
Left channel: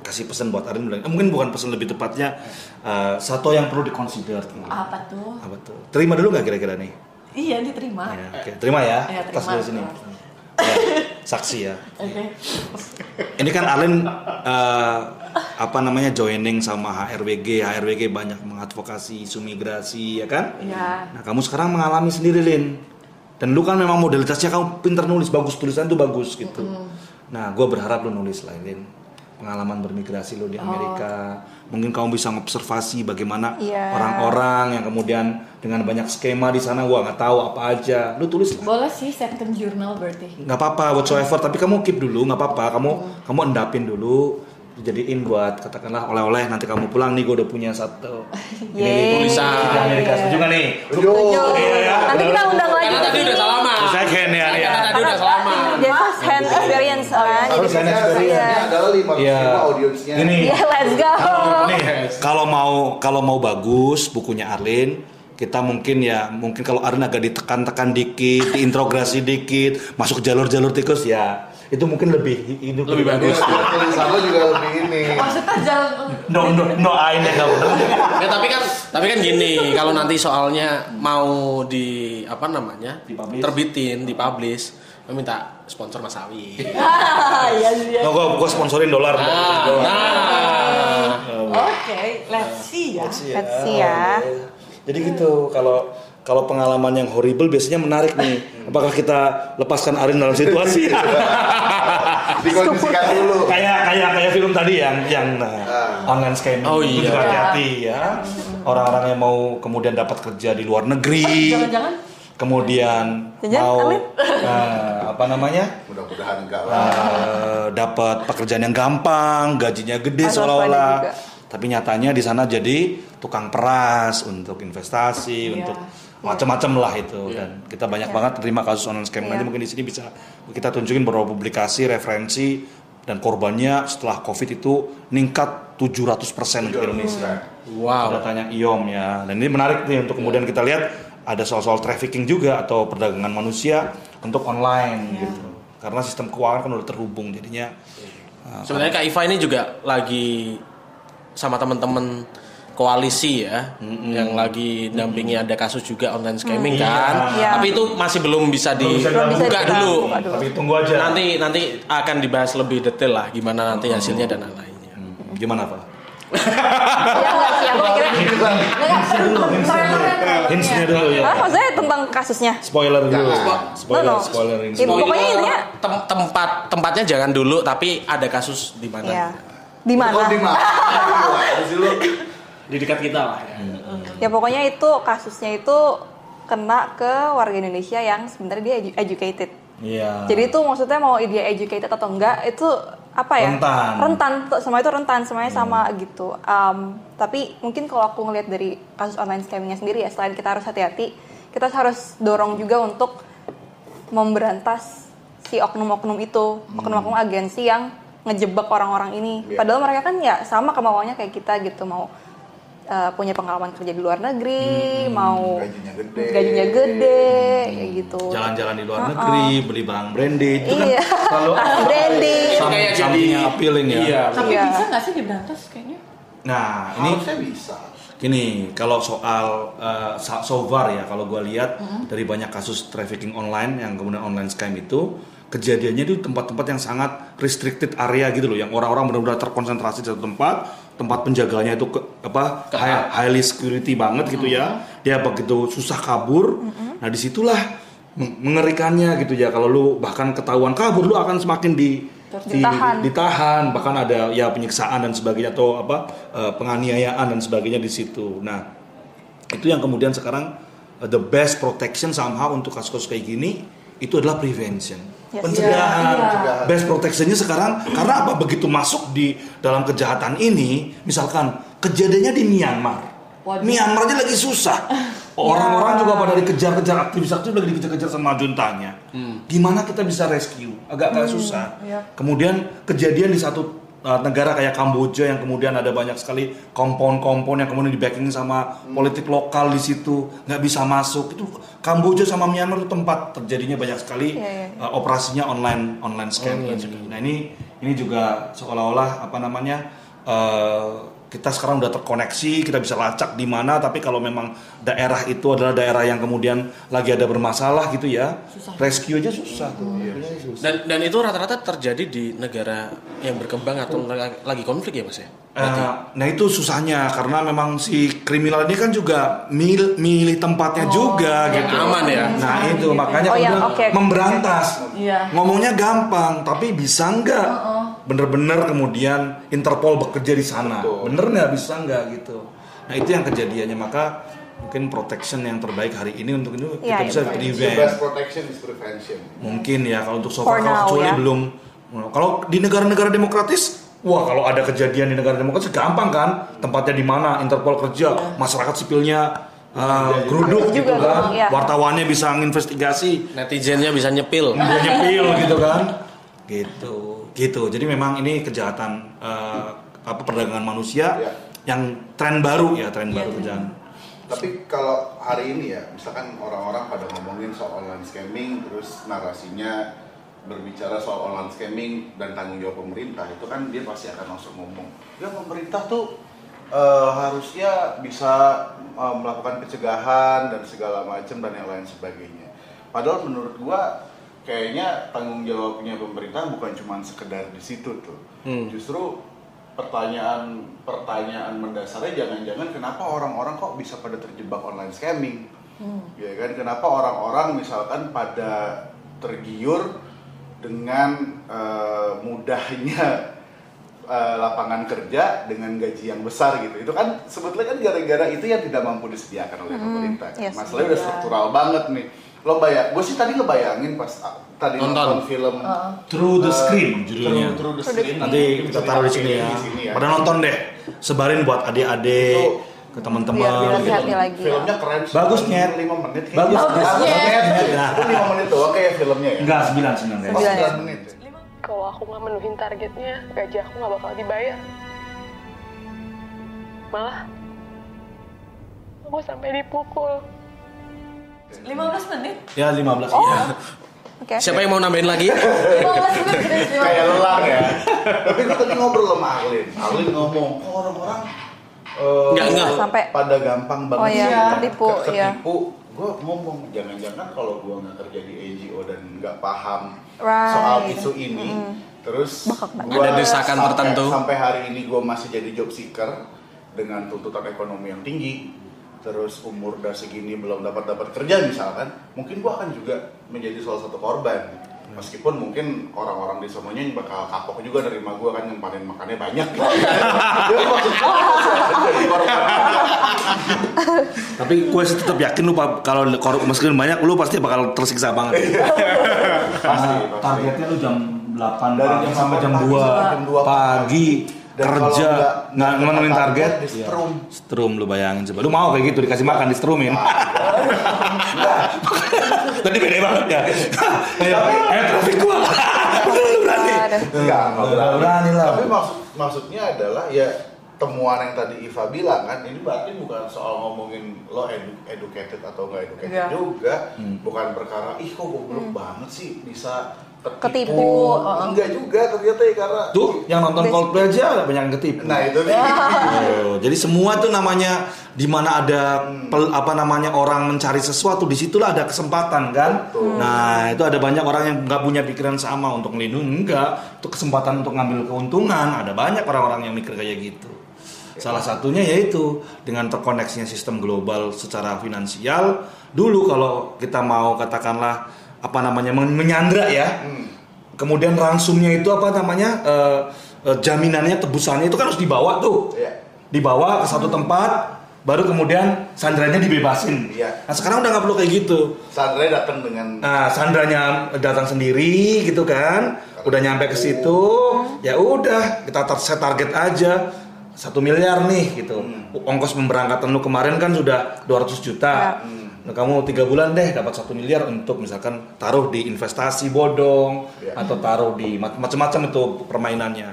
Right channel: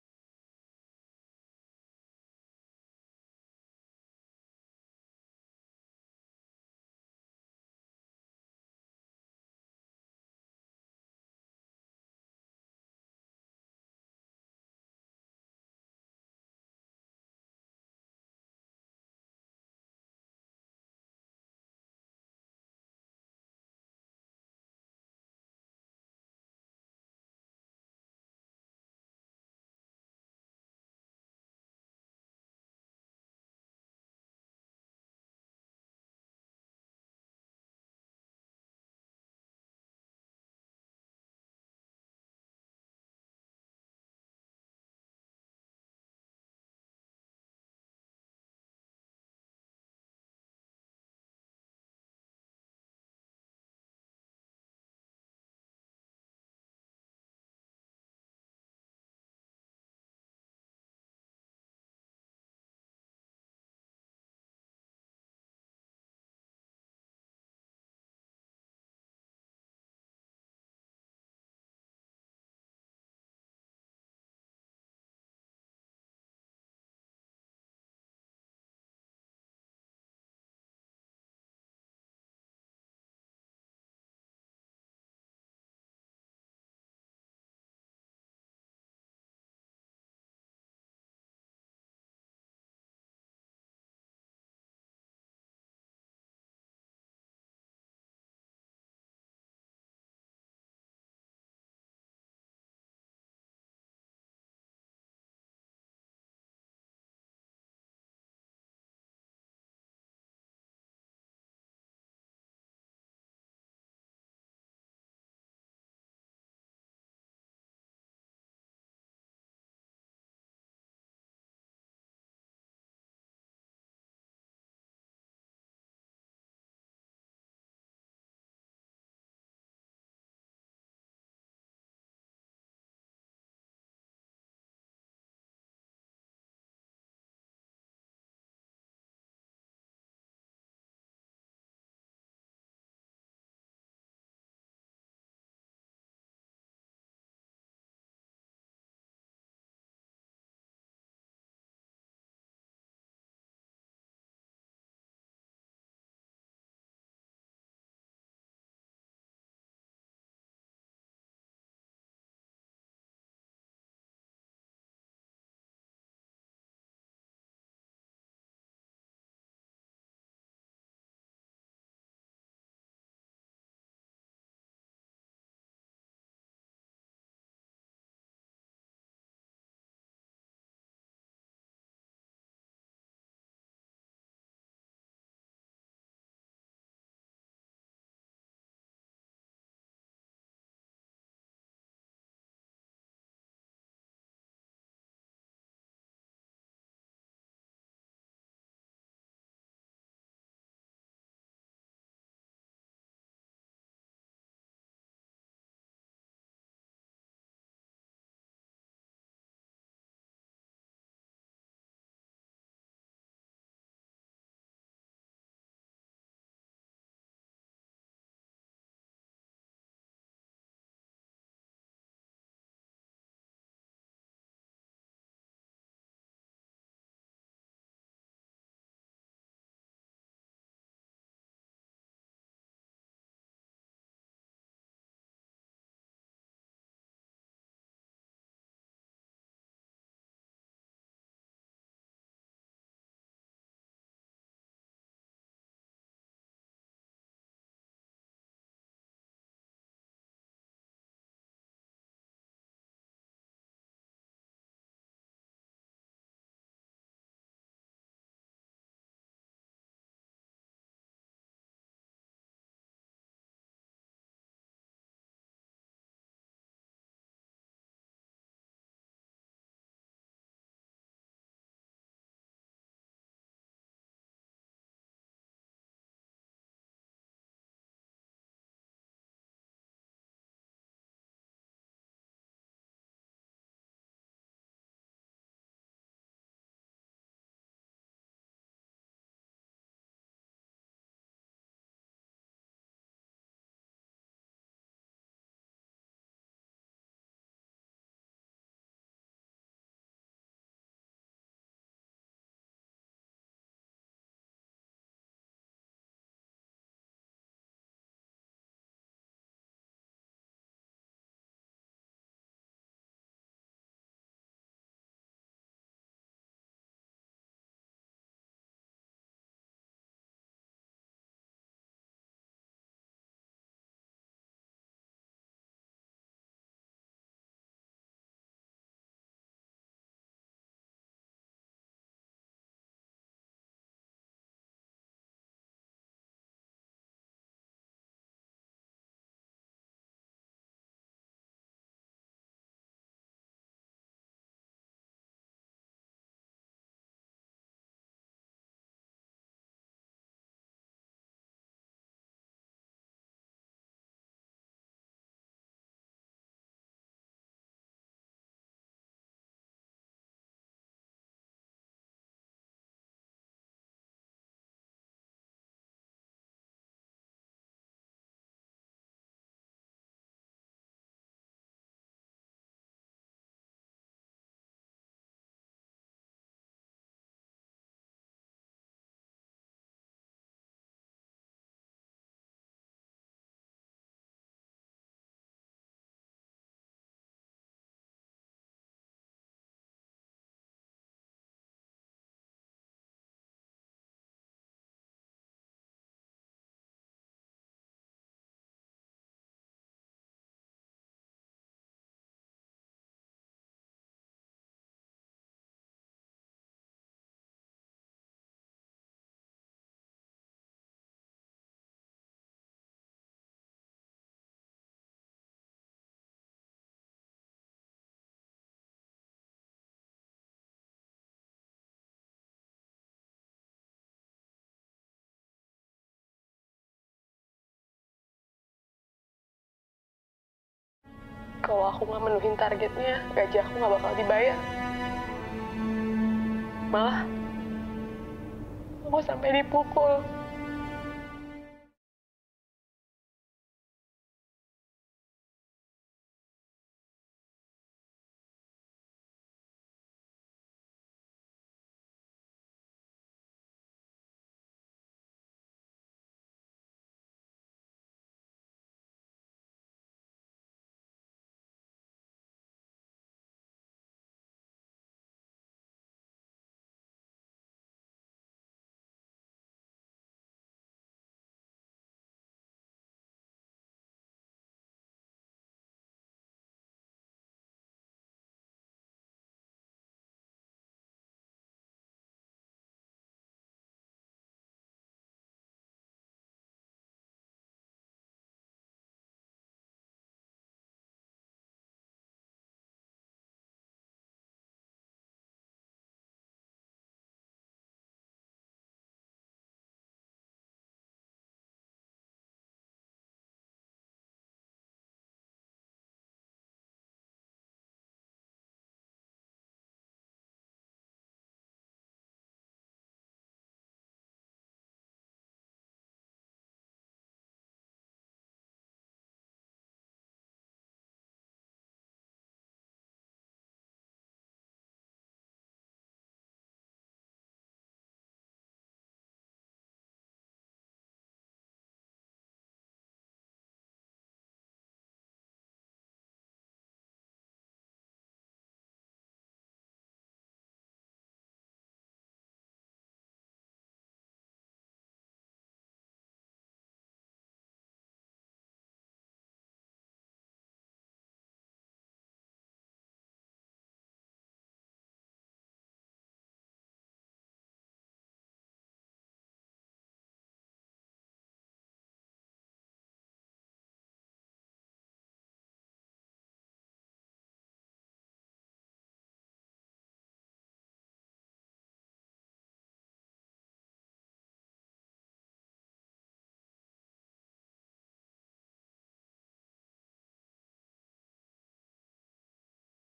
kasih pesan buat Arin. Mungkin bukan pesan, lebih tepatnya satu yang perlu dikonsider. Apa tuh? Terima dulu nggak kira-kira nih? Iya, diterima. Ya, oke. Terima ya. Iya, Tas terima. dari sini. Ya, saksi ya. Oke. Ini kan Arlen joining sama HRWG banyak mengadvokasi isu migrasi ya kan? Iya. Nah kamu sekarang mengalami sendiri Lin, dan lu kan memang modalitasnya kamu pintar nulis, bagus, tulisan tuh bagus gitu. Nah gue berharap lu nulis lah Lin, pengalaman bermigrasi lu di Amerika. Mungkin kamu bisa ngobservasi bagaimana orang-orang yang kemudian dengan banyak skema di sana, gua nggak tahu apa aja. Lu tulis lah. Boleh sih second journal berarti. Nggak apa-apa, whatsoever, tapi kamu keep dulu, nggak apa-apa. Kamu endapin dulu, dijadiin buat katakanlah oleh-oleh, nanti kamu pulang nih gue udah punya satu ini tulisan di Amerika. Setuju nggak nih? Setuju. Nanti kita undang lagi Karena ke tadi udah sini. selama. Second ya. Karena tadi udah selama. Dia first hand experience kan. First hand experience. Ini adalah 5 audiensnya. Ini. Iya, let's go. Nih, kalau mau bagus bukunya Arlin, kita mungkin kalau Arlin agak ditekan-tekan dikit, diintrogasi dikit, masuk ke jalur-jalur tikus ya. Itu mungkin lebih bagus. Tulisan lo juga lebih ini. Maksudnya jangan No ain ya kamu. Ya, tapi kan gini, kalau nanti soalnya mau terbitin, dipublish, lo minta sponsor Mas Awi. iya. No, gue sponsorin dolar. Oke, let's see ya. Let's see ya. Jadi gitu, kalau pengalaman yang horrible biasanya menarik nih. Apakah kita lepaskan Arin dalam situasi? Dikondisikan dulu. kayak film tadi yang online scamming. Oh Itu iya. juga hati-hati ya. Orang-orang yang mau kemudian dapat kerja di luar negeri. Jangan-jangan kemudian Jangan, mau Alin. apa namanya Mudah-mudahan enggak lah. dapat pekerjaan yang gampang, gajinya gede Harus seolah-olah, waspada juga. tapi nyatanya di sana jadi tukang peras untuk investasi, Iya. untuk macam-macam lah itu. Dan kita banyak banget terima kasus online scam. Nanti mungkin di sini bisa kita tunjukin beberapa publikasi, referensi, dan korbannya setelah COVID itu meningkat 700% untuk Indonesia. Wow. Datanya IOM ya. Dan ini menarik nih untuk kemudian kita lihat ada soal-soal trafficking juga atau perdagangan manusia untuk online gitu. Karena sistem keuangan kan udah terhubung jadinya. Sebenarnya Kak Iva ini juga lagi sama teman-teman koalisi ya, yang lagi dampingi ada kasus juga online scamming kan. Iya. Tapi itu masih belum bisa Belum bisa dibuka kita dulu. buka dulu. Tapi tunggu aja. Nanti akan dibahas lebih detail lah gimana nanti hasilnya dan lain-lainnya. Gimana Pak? Ya nggak sih, aku mikirnya Hintsnya dulu ya. maksudnya tentang kasusnya. Spoiler dulu. Spoiler, No. spoiler ini. Ya, pokoknya intinya Tempatnya jangan dulu, tapi ada kasus di mana? ya di mana? Oh, di mana? Di sini lu. Di dekat kita lah ya. Ya pokoknya itu kasusnya itu kena ke warga Indonesia yang sebenarnya dia educated. Iya. Jadi itu maksudnya mau dia educated atau enggak itu apa ya? Rentan. Semua itu rentan, semuanya sama gitu. Tapi mungkin kalau aku ngelihat dari kasus online scammingnya sendiri ya, selain kita harus hati-hati, kita harus dorong juga untuk memberantas si oknum-oknum itu, oknum-oknum agensi yang ngejebak orang-orang ini. Padahal mereka kan ya sama kemauannya kayak kita gitu, mau punya pengalaman kerja di luar negeri, mau gajinya gede, kayak gitu. Jalan-jalan di luar negeri, beli barang branded itu Iya. kan kalau Branding. Kayak something yang appealing ya. Iya. Tapi Iya. bisa nggak sih diberantas kayaknya? Nah, ini Harusnya bisa. gini, kalau soal so far ya, kalau gue lihat dari banyak kasus trafficking online yang kemudian online scam itu, kejadiannya di tempat-tempat yang sangat restricted area gitu loh, yang orang-orang benar-benar terkonsentrasi di satu tempat penjaganya itu highly security banget gitu ya, dia begitu susah kabur. Nah disitulah mengerikannya gitu ya, kalau lu bahkan ketahuan kabur lu akan semakin ditahan, bahkan ada ya penyiksaan dan sebagainya atau penganiayaan dan sebagainya di situ. Nah itu yang kemudian sekarang the best protection somehow untuk kasus-kasus kayak gini itu adalah prevention. Yes. Pencegahan. Iya. Best protectionnya sekarang karena apa, begitu masuk di dalam kejahatan ini, misalkan kejadiannya di Myanmar. Waduh. Myanmar aja lagi susah. Orang-orang juga pada dikejar-kejar, aktivis-aktivis lagi dikejar-kejar sama juntanya. Gimana kita bisa rescue? Agak susah. Iya. Kemudian kejadian di satu negara kayak Kamboja yang kemudian ada banyak sekali kompon-kompon yang kemudian di backing sama politik lokal di situ, nggak bisa masuk. Itu Kamboja sama Myanmar itu tempat terjadinya banyak sekali operasinya online scam. Nah ini juga seolah-olah kita sekarang udah terkoneksi, kita bisa lacak di mana, tapi kalau memang daerah itu adalah daerah yang kemudian lagi ada bermasalah gitu ya, rescue aja susah tuh. Dan itu rata-rata terjadi di negara yang berkembang atau lagi konflik ya Mas ya? Nah itu susahnya karena memang si kriminal ini kan juga milih tempatnya juga gitu. Aman ya. Nah itu makanya kemudian memberantas. Iya. Ngomongnya gampang, tapi bisa nggak bener-bener kemudian Interpol bekerja di sana? Bener nggak, bisa nggak gitu? Nah itu yang kejadiannya, maka mungkin protection yang terbaik hari ini untuk itu kita bisa The prevent. best protection is prevention. Mungkin ya kalau untuk so For far now, kecuali ya. belum. Kalau di negara-negara demokratis, wah kalau ada kejadian di negara demokratis gampang kan, tempatnya di mana, Interpol kerja, masyarakat sipilnya geruduk gitu kan, iya. wartawannya bisa nginvestigasi, Netizennya bisa nyepil. dia nyepil gitu kan, gitu. Jadi memang ini kejahatan perdagangan manusia yang tren baru kejahatan. Tapi kalau hari ini ya, misalkan orang-orang pada ngomongin soal online scamming, terus narasinya berbicara soal online scamming dan tanggung jawab pemerintah, itu kan dia pasti akan langsung ngomong, ya pemerintah tuh harusnya bisa melakukan pencegahan dan segala macam dan yang lain sebagainya. Padahal menurut gua kayaknya tanggung jawabnya pemerintah bukan cuma sekedar di situ tuh. Justru pertanyaan mendasarnya jangan-jangan kenapa orang-orang kok bisa pada terjebak online scamming? Ya kan, kenapa orang-orang misalkan pada tergiur dengan mudahnya lapangan kerja dengan gaji yang besar gitu. Itu kan sebetulnya kan gara-gara itu yang tidak mampu disediakan oleh pemerintah. Yes. Masalahnya udah struktural banget nih. gue sih tadi ngebayangin pas tadi nonton film Through the Screen judulnya. Through the Screen. Nanti kita taruh di sini ya. Pada nonton deh. Sebarin buat adik-adik, ke Biar teman-teman. hati-hati lagi. Filmnya keren sih. Bagus, Nyet. 5 menit kayaknya. Bagus, Nyet. Itu 5 menit doang kayak filmnya ya. Enggak, 9 Oh, 9 menit. Kalau aku nggak menuhin targetnya, gaji aku nggak bakal dibayar. Malah, aku sampai dipukul. 15 menit. Ya 15 iya. Oke. Siapa yang mau nambahin lagi? 15 menit serius. Kayak lelang ya. Tapi gue tadi ngobrol sama Arlin ngomong, kok orang-orang Enggak. Sampai pada gampang banget Oh iya, sih ketipu, iya. Gue ngomong jangan-jangan kalau gue nggak kerja di NGO dan nggak paham Right. soal isu ini, terus gua Ada desakan tertentu. sampai hari ini gue masih jadi job seeker dengan tuntutan ekonomi yang tinggi, terus umur udah segini belum dapat kerja misalkan, mungkin gue akan juga menjadi salah satu korban. Meskipun mungkin orang-orang di semuanya bakal kapok juga nerima gue kan nyempanin makannya banyak gitu. Jadi maksudnya jadi korban. Tapi gue sih tetap yakin lu kalau meskipun banyak lu pasti bakal tersiksa banget. Pasti. Targetnya lu jam 8 Dari pagi jam sampai jam 8 2 pagi Dan kerja kalau nggak memenuhi target. di strum. Strum lu bayangin coba. Lu mau kayak gitu dikasih makan di strumin. Tadi beda banget ya. Ayo trafik gua. Lu berani. Enggak Berani lah. Tapi maksudnya adalah ya temuan yang tadi Iva bilang kan, ini berarti bukan soal ngomongin lo educated atau nggak educated Enggak. juga, bukan perkara ih kok goblok banget sih bisa Ketipu. Enggak juga ternyata ya karena Tuh, yang nonton Coldplay aja banyak yang ketipu. nah itu nih. Oh, jadi semua tuh namanya di mana ada orang mencari sesuatu, disitulah ada kesempatan kan. Nah itu ada banyak orang yang nggak punya pikiran sama untuk melindungi, enggak, itu kesempatan untuk ngambil keuntungan. Ada banyak orang-orang yang mikir kayak gitu. Salah satunya yaitu dengan terkoneksinya sistem global secara finansial. Dulu kalau kita mau katakanlah menyandra ya, kemudian ransumnya itu jaminannya, tebusannya itu kan harus dibawa tuh. Iya. Dibawa ke satu tempat, baru kemudian sandranya dibebasin. Iya. Nah sekarang udah nggak perlu kayak gitu. Sandra datang dengan Nah sandranya datang sendiri gitu kan, udah nyampe ke situ, ya udah kita set target aja 1 miliar nih gitu. Ongkos pemberangkatan lu kemarin kan sudah 200 juta. Nah, kamu 3 bulan deh dapat 1 miliar untuk misalkan taruh di investasi bodong atau taruh di macam-macam itu permainannya.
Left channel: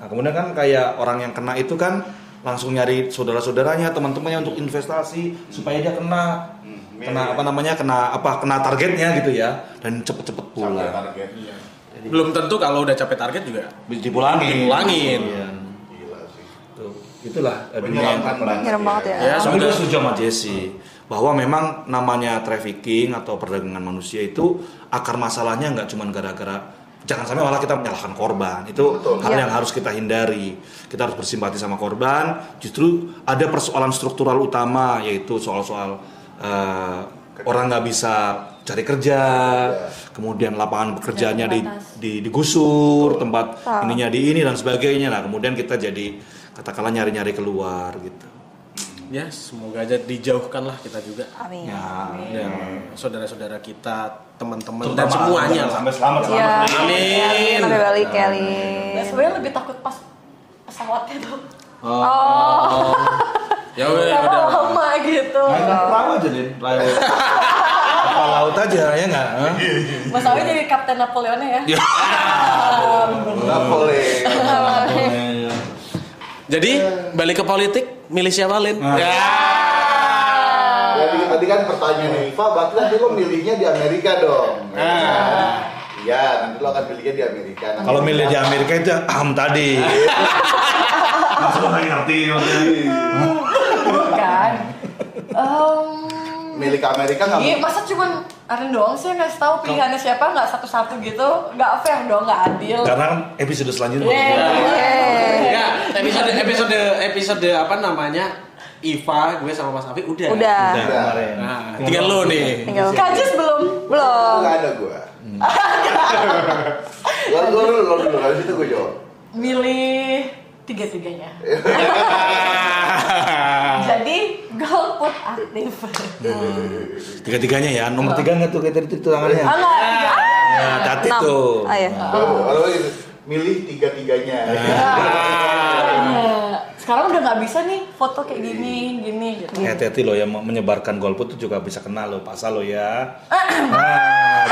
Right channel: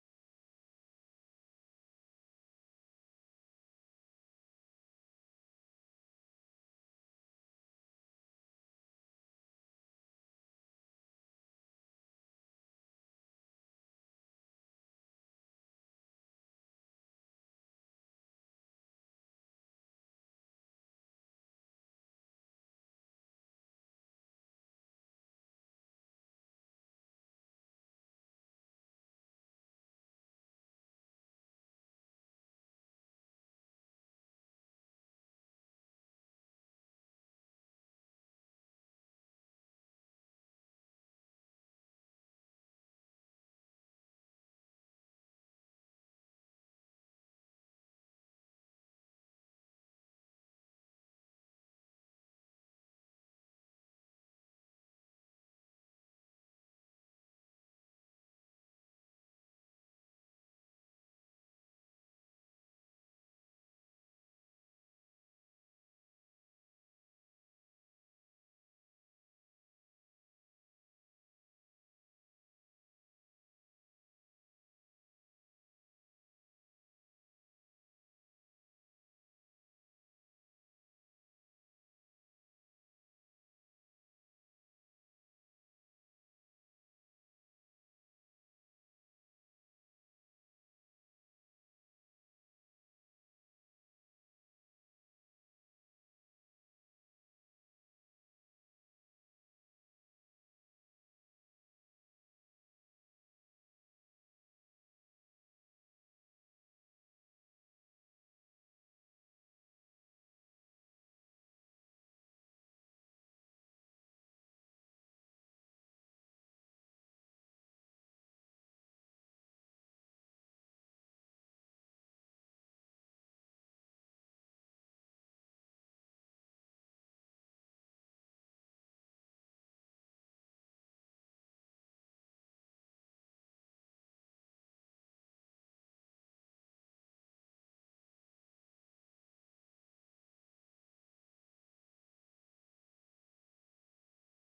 Nah kemudian kan kayak orang yang kena itu kan langsung nyari saudara-saudaranya, teman-temannya untuk investasi supaya dia kena targetnya gitu ya, dan cepet-cepet pulang. sampai targetnya. Belum tentu kalau udah capek target juga Dipulangin. dipulangin. Gila sih. Tuh, itulah dunia Menyeramkan banget. Nyerem banget ya. Ya, Tapi semoga gue setuju sama Jesse bahwa memang namanya trafficking atau perdagangan manusia itu akar masalahnya nggak cuma gara-gara, jangan sampai malah kita menyalahkan korban. Itu hal yang harus kita hindari. Kita harus bersimpati sama korban. Justru ada persoalan struktural utama, yaitu soal-soal orang nggak bisa cari kerja, kemudian lapangan pekerjaannya digusur, tempat ininya di ini dan sebagainya. Nah kemudian kita jadi katakanlah nyari-nyari keluar gitu. ya semoga aja dijauhkan lah kita juga. Amin. Ya, Dan saudara-saudara kita, teman-teman terutama dan semuanya lah. sampai selamat. Iya. Amin. Sampai balik kali. Nah, sebenarnya lebih takut pas pesawatnya tuh. Oh. Ya udah. Karena lama gitu. Main perahu aja deh, kapal laut aja ya nggak? Hah? Mas Awi jadi Kapten Napoleonnya ya. Nggak boleh. Jadi balik ke politik, milih siapa Lin? Ya. Jadi tadi kan pertanyaan Iva, berarti nanti lo milihnya di Amerika dong. Iya, nanti lo akan pilihnya di Amerika. Nanti Kalau milih di Amerika itu tadi. Langsung nggak ngerti maksudnya. Bukan. milih ke Amerika nggak Iya, mungkin. masa cuman Aren doang sih yang ngasih tahu pilihannya siapa, nggak satu-satu gitu, nggak fair dong, nggak adil. Karena kan episode selanjutnya. Ya, episode apa namanya? Iva, gue sama Mas Afi udah. Udah. Kemarin. Nah, tinggal lo nih. Tinggal. Kajis belum? Belum. Nggak ada gue. Lo dulu, habis itu gue jawab. Milih tiga-tiganya. Jadi gue golput aktif. Tiga-tiganya ya, nomor 3 nggak tuh kayak tadi itu tangannya? Enggak, tiga. Ya, hati tuh. Ah, ya. Kalau milih tiga-tiganya. Sekarang udah nggak bisa nih foto kayak gini gitu. Hati-hati loh yang menyebarkan golput itu juga bisa kena loh, pasal lo ya.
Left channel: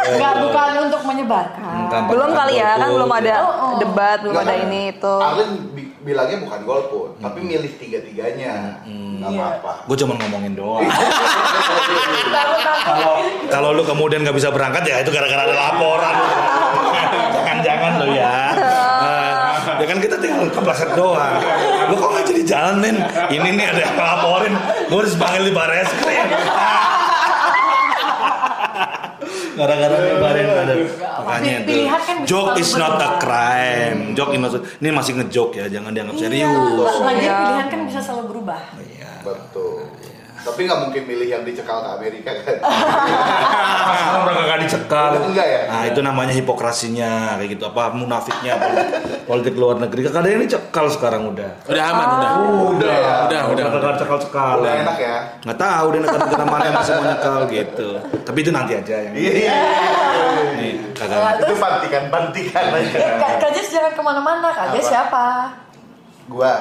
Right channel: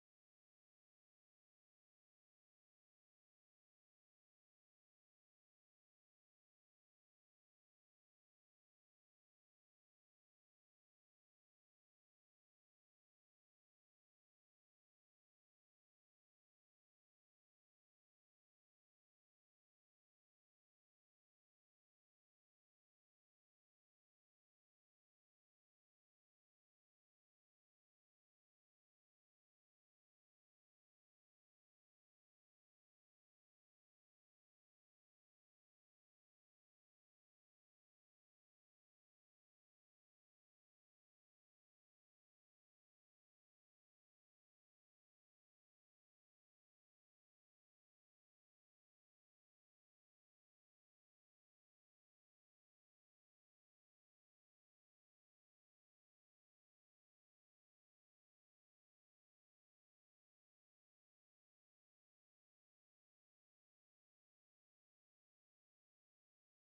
Nggak, bukan untuk menyebarkan. Belum kali ya, kan belum ada Oh. debat, belum ada Nggak, ini itu. Arlen bilangnya bukan golput, tapi milih tiga-tiganya. Nggak Iya. apa-apa. Gue cuma ngomongin doang. Kalau lu kemudian nggak bisa berangkat ya itu gara-gara ada laporan. Jangan-jangan lo ya. Ya kan kita tinggal kepleset doang. Lu kok nggak jadi jalan men? Ini nih ada yang ngelaporin. Gue harus panggil di Barreskrim. Gara-gara nyebarin ada. Makanya itu. Pilihan kan bisa Joke is selalu not a berubah. crime. Joke is not. Ini masih ngejoke ya, jangan dianggap serius. Lagi pilihan kan bisa selalu berubah. Iya. Betul. Tapi nggak mungkin milih yang dicekal ke Amerika kan? Sekarang udah kagak dicekal. Enggak ya? Nah itu namanya hipokrasinya kayak gitu, apa munafiknya politik luar negeri. Kagak ada yang dicekal sekarang udah. Udah aman, Udah ya. Udah. Kagak cekal-cekal. Udah enak ya? Nggak tahu deh negara mana yang masih mau nyekal gitu. Tapi itu nanti aja yang Iya. nih kagak. Itu bantikan aja. Kak Jess jangan kemana-mana. Kak Jess siapa? Gua.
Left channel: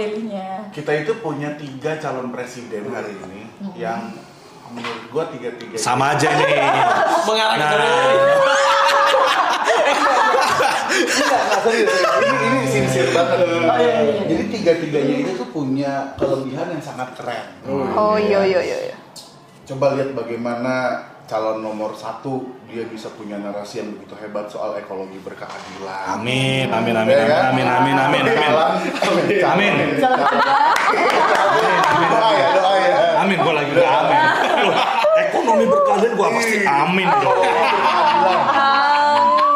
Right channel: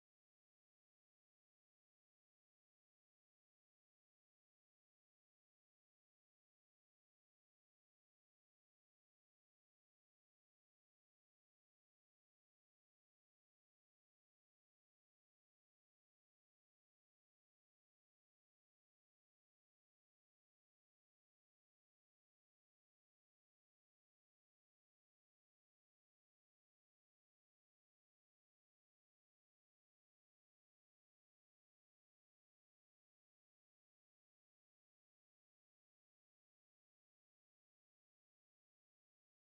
Pilihnya. Kita itu punya 3 calon presiden hari ini yang menurut gua tiga-tiganya Sama aja nih. Mengarah ke Enggak serius. Ini sincere banget. Jadi tiga-tiganya itu tuh punya kelebihan yang sangat keren. Oh iya. Coba lihat bagaimana calon nomor 1 dia bisa punya narasi yang begitu hebat soal ekologi berkeadilan. Amin. Ya kan? Amin. Doa ya. Amin, gua lagi udah amin. Loh, ekonomi berkeadilan gua pasti amin dong.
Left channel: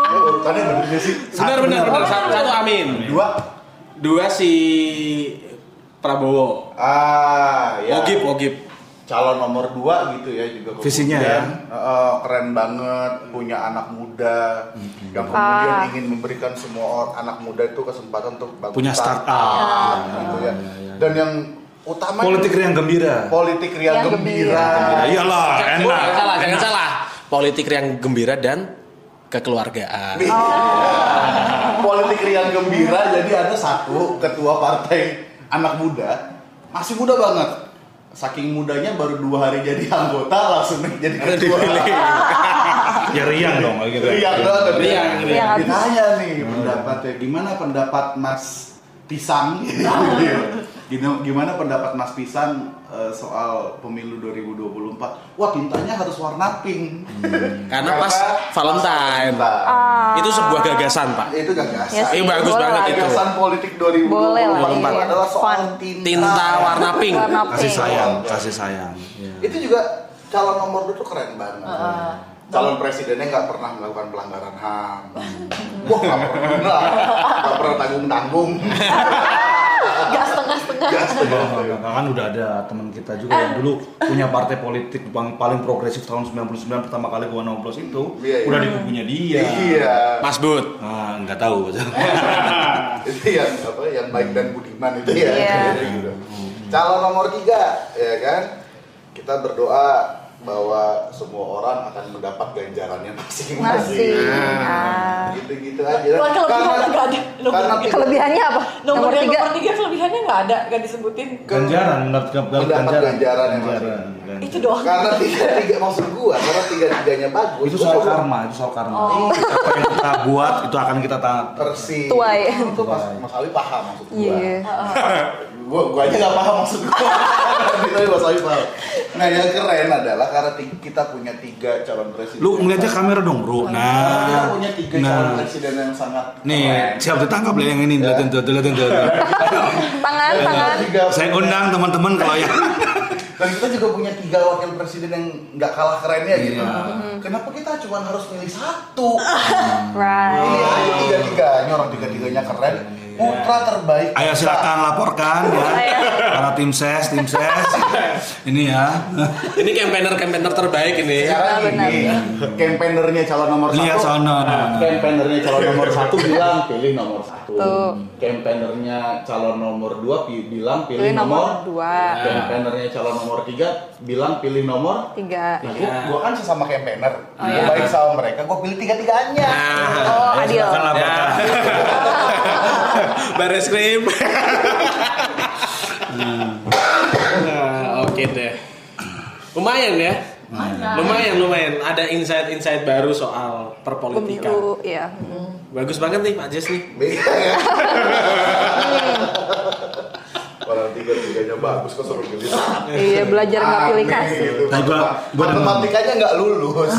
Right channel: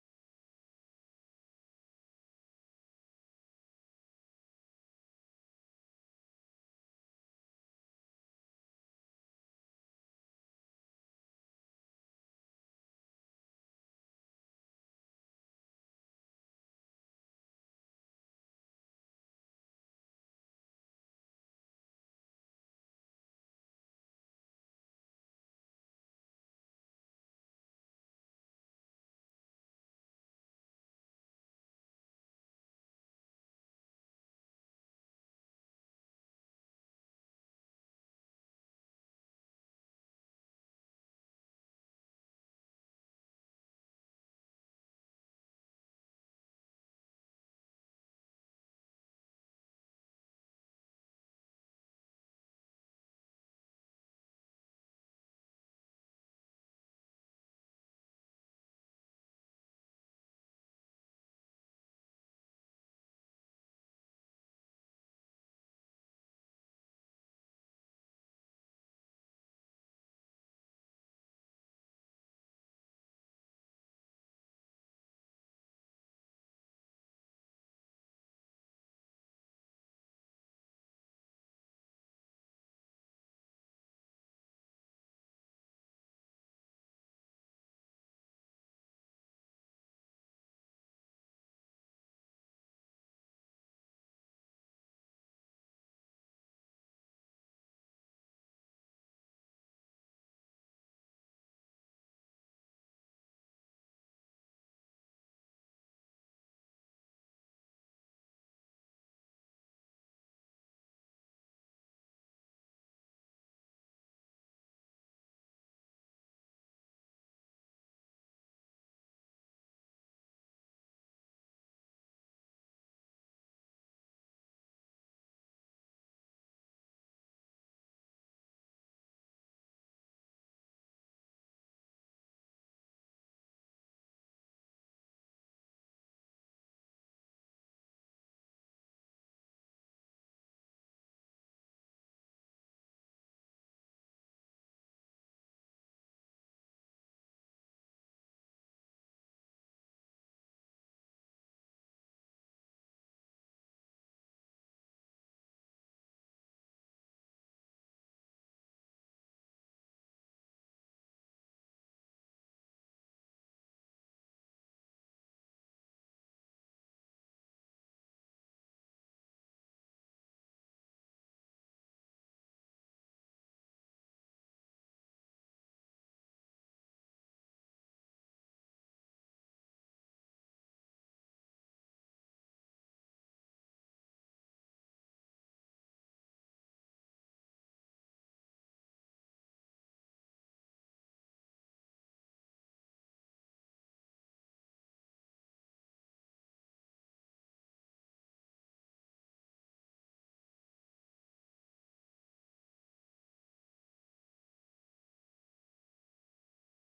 Urutannya bener gak sih? Benar. Satu amin. 2 si Prabowo. Ya. Wogib. Calon nomor 2 gitu ya juga kemudian, Visinya ya? Keren banget, punya anak muda yang kemudian ingin memberikan semua anak muda itu kesempatan untuk bangun Punya startup. gitu ya. Dan yang utama Politik riang gembira. politik riang gembira. Iyalah, enak. Jangan salah. Politik yang gembira dan kekeluargaan. Politik riang gembira, jadi ada satu ketua partai anak muda, masih muda banget. Saking mudanya baru 2 hari jadi anggota langsung jadi ketua. Ya riang dong gitu. Riang banget. Riang. Ditanya nih pendapatnya, gimana pendapat Mas Pisang? Gimana pendapat Mas Pisang soal pemilu 2024? Wah, tintanya harus warna pink. Karena pas Valentine. Itu sebuah gagasan, Pak. Itu gagasan. Yes. Ini bagus Boleh. banget itu. Gagasan politik 2024 Boleh lah, iya. adalah soal Tinta warna pink. Warna Kasih pink. sayang. Iya. Itu juga calon nomor 2 tuh keren banget. Calon presidennya nggak pernah melakukan pelanggaran HAM. Wah, nggak pernah tanggung-tanggung. Gak setengah-setengah. Kan udah ada teman kita juga yang dulu punya partai politik yang paling progresif tahun 99 pertama kali gua nyoblos itu Iya. udah di kubunya dia. Iya. Mas Bud. Nah, nggak tahu. Itu yang baik dan budiman itu ya. Iya. Gitu. Calon nomor 3 ya kan, kita berdoa bahwa semua orang akan mendapat ganjarannya masing-masing. Gitu-gitu aja. Kelebihannya nggak ada. Karena Kelebihannya apa? Nomor 3 3. kelebihannya nggak ada, nggak disebutin. Ganjaran, mendapat ganjaran yang Ganjaran. Itu doang. karena tiga maksud gua, karena tiga-tiganya bagus. Itu soal karma. Apa yang kita buat itu akan kita Persis. Tuai. Itu Mas Ali paham maksud gua. Iya. Gua aja nggak paham maksud gua. Tapi Mas Ali paham. Nah, yang keren adalah karena kita punya 3 calon presiden. Lu ngeliatnya kamera dong, Bro. Kita Nah. punya 3 calon presiden yang sangat Nih, keren. siap ditangkap lah yang ini. Lihatin tuh. Tangan. Saya undang teman-teman kalau yang Dan kita juga punya 3 wakil presiden yang nggak kalah kerennya gitu. Kenapa kita cuma harus milih 1? Right. Iya, tiga-tiganya orang tiga-tiganya keren. Putra terbaik. Ayo silakan laporkan ya. Para tim ses. Ini ya. Ini campaigner terbaik ini. Sekarang Benar. ini campaignernya calon nomor 1. Lihat sono. Campaignernya calon nomor 1 bilang pilih nomor 1. Tuh. Campaignernya calon nomor 2 bilang pilih nomor 2. Campaignernya calon nomor 3 bilang pilih nomor 3. Gua kan sesama campaigner. Gua baik sama mereka, gua pilih 3-3-nya. Oh, adil. Silakan laporkan. Baris krim. Nah, oke deh. Lumayan ya. Lumayan. Ada insight baru soal perpolitikan. Pemilu, ya. Bagus banget nih Pak Jes nih. Beda ya. Orang 3-3-nya bagus kok suruh pilih. Iya, belajar nggak pilih kasih. Gitu. Nah, gua Matematikanya nggak lulus.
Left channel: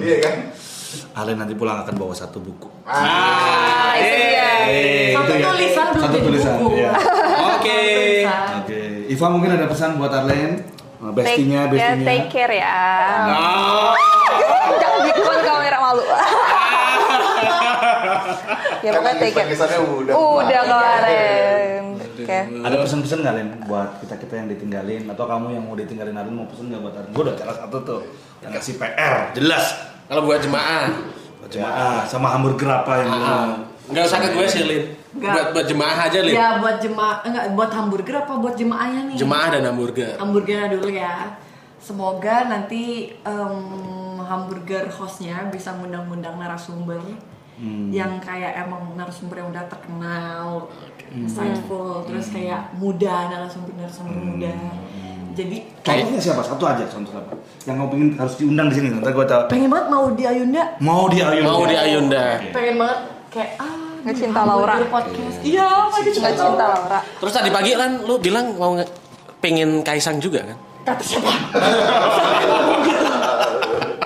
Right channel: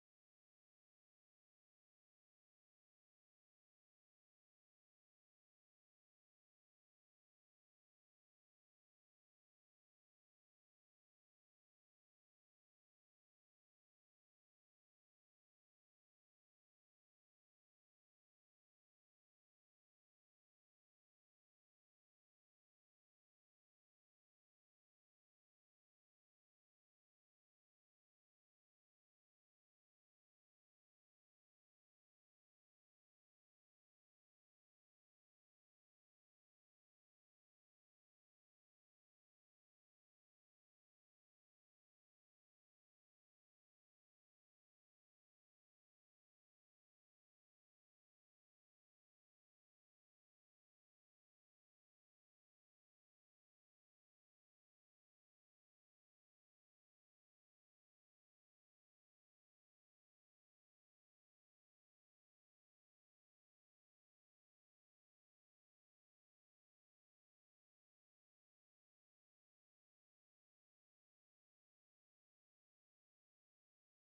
Iya kan? Alen nanti pulang akan bawa satu buku. Itu dia. Satu tulisan belum Satu jadi tulisan. buku. Iya. Oke. Oke. Iva mungkin ada pesan buat Arlen. Bestinya. Take care ya. Oh. Jangan di depan kamera malu. Ya pokoknya take care. Kesannya udah. Udah kemarin. Oke. Ada pesan-pesan nggak Len buat kita yang ditinggalin atau kamu yang mau ditinggalin Arlen mau pesan nggak buat Arlen? Gue udah salah satu tuh yang ngasih PR jelas. Kalau buat jemaah, Sama hamburger apa yang nggak usah ke gue sih Lin. Nggak. Buat jemaah aja Lin. Ya buat jemaah, enggak buat hamburger apa buat jemaahnya nih? Jemaah dan hamburger. Hamburgernya dulu ya. Semoga nanti hamburger hostnya bisa ngundang-ngundang narasumber yang kayak emang narasumber yang udah terkenal, insightful, terus kayak muda, narasumber muda. Jadi Contohnya siapa? Satu aja contoh apa? Yang kamu pengen harus diundang di sini. Nanti gue tahu. pengen banget mau di Ayunda. Mau di Ayunda. Pengen banget kayak Ngecinta hamburger Laura. podcast. Iya, lagi cinta Nggak cinta Laura. Terus tadi pagi kan lu bilang mau pengen Kaisang juga kan? Kata siapa?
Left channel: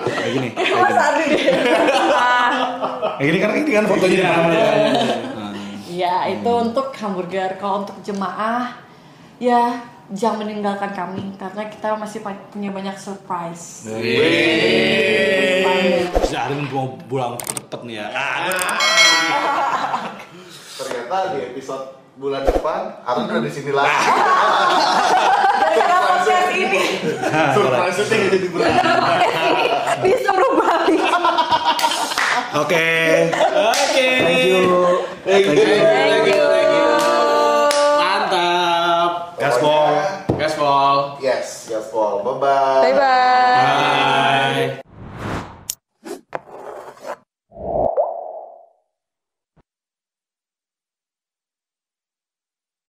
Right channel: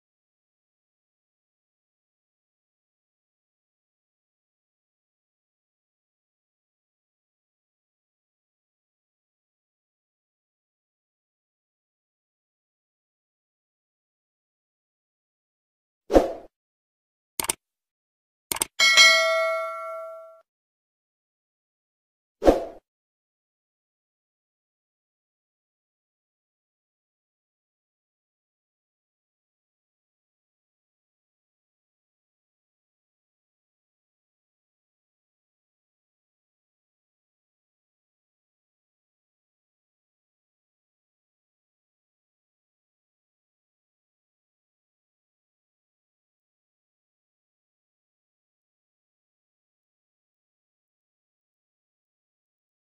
Kayak gini. Mas Ardi deh. Kayak gini kan fotonya di mana-mana. Ya, itu untuk hamburger. Kalau untuk jemaah, ya jangan meninggalkan kami karena kita masih punya banyak surprise. Si Arin mau pulang cepet nih ya. Ternyata di episode bulan depan Aaron udah di sini lagi. Gara-gara podcast ini Surprise syuting jadi bulan depan. Disuruh balik. Oke. Thank you. Mantap. Gaspol. Gaspol. Yes, gaspol. Bye bye. Bye bye.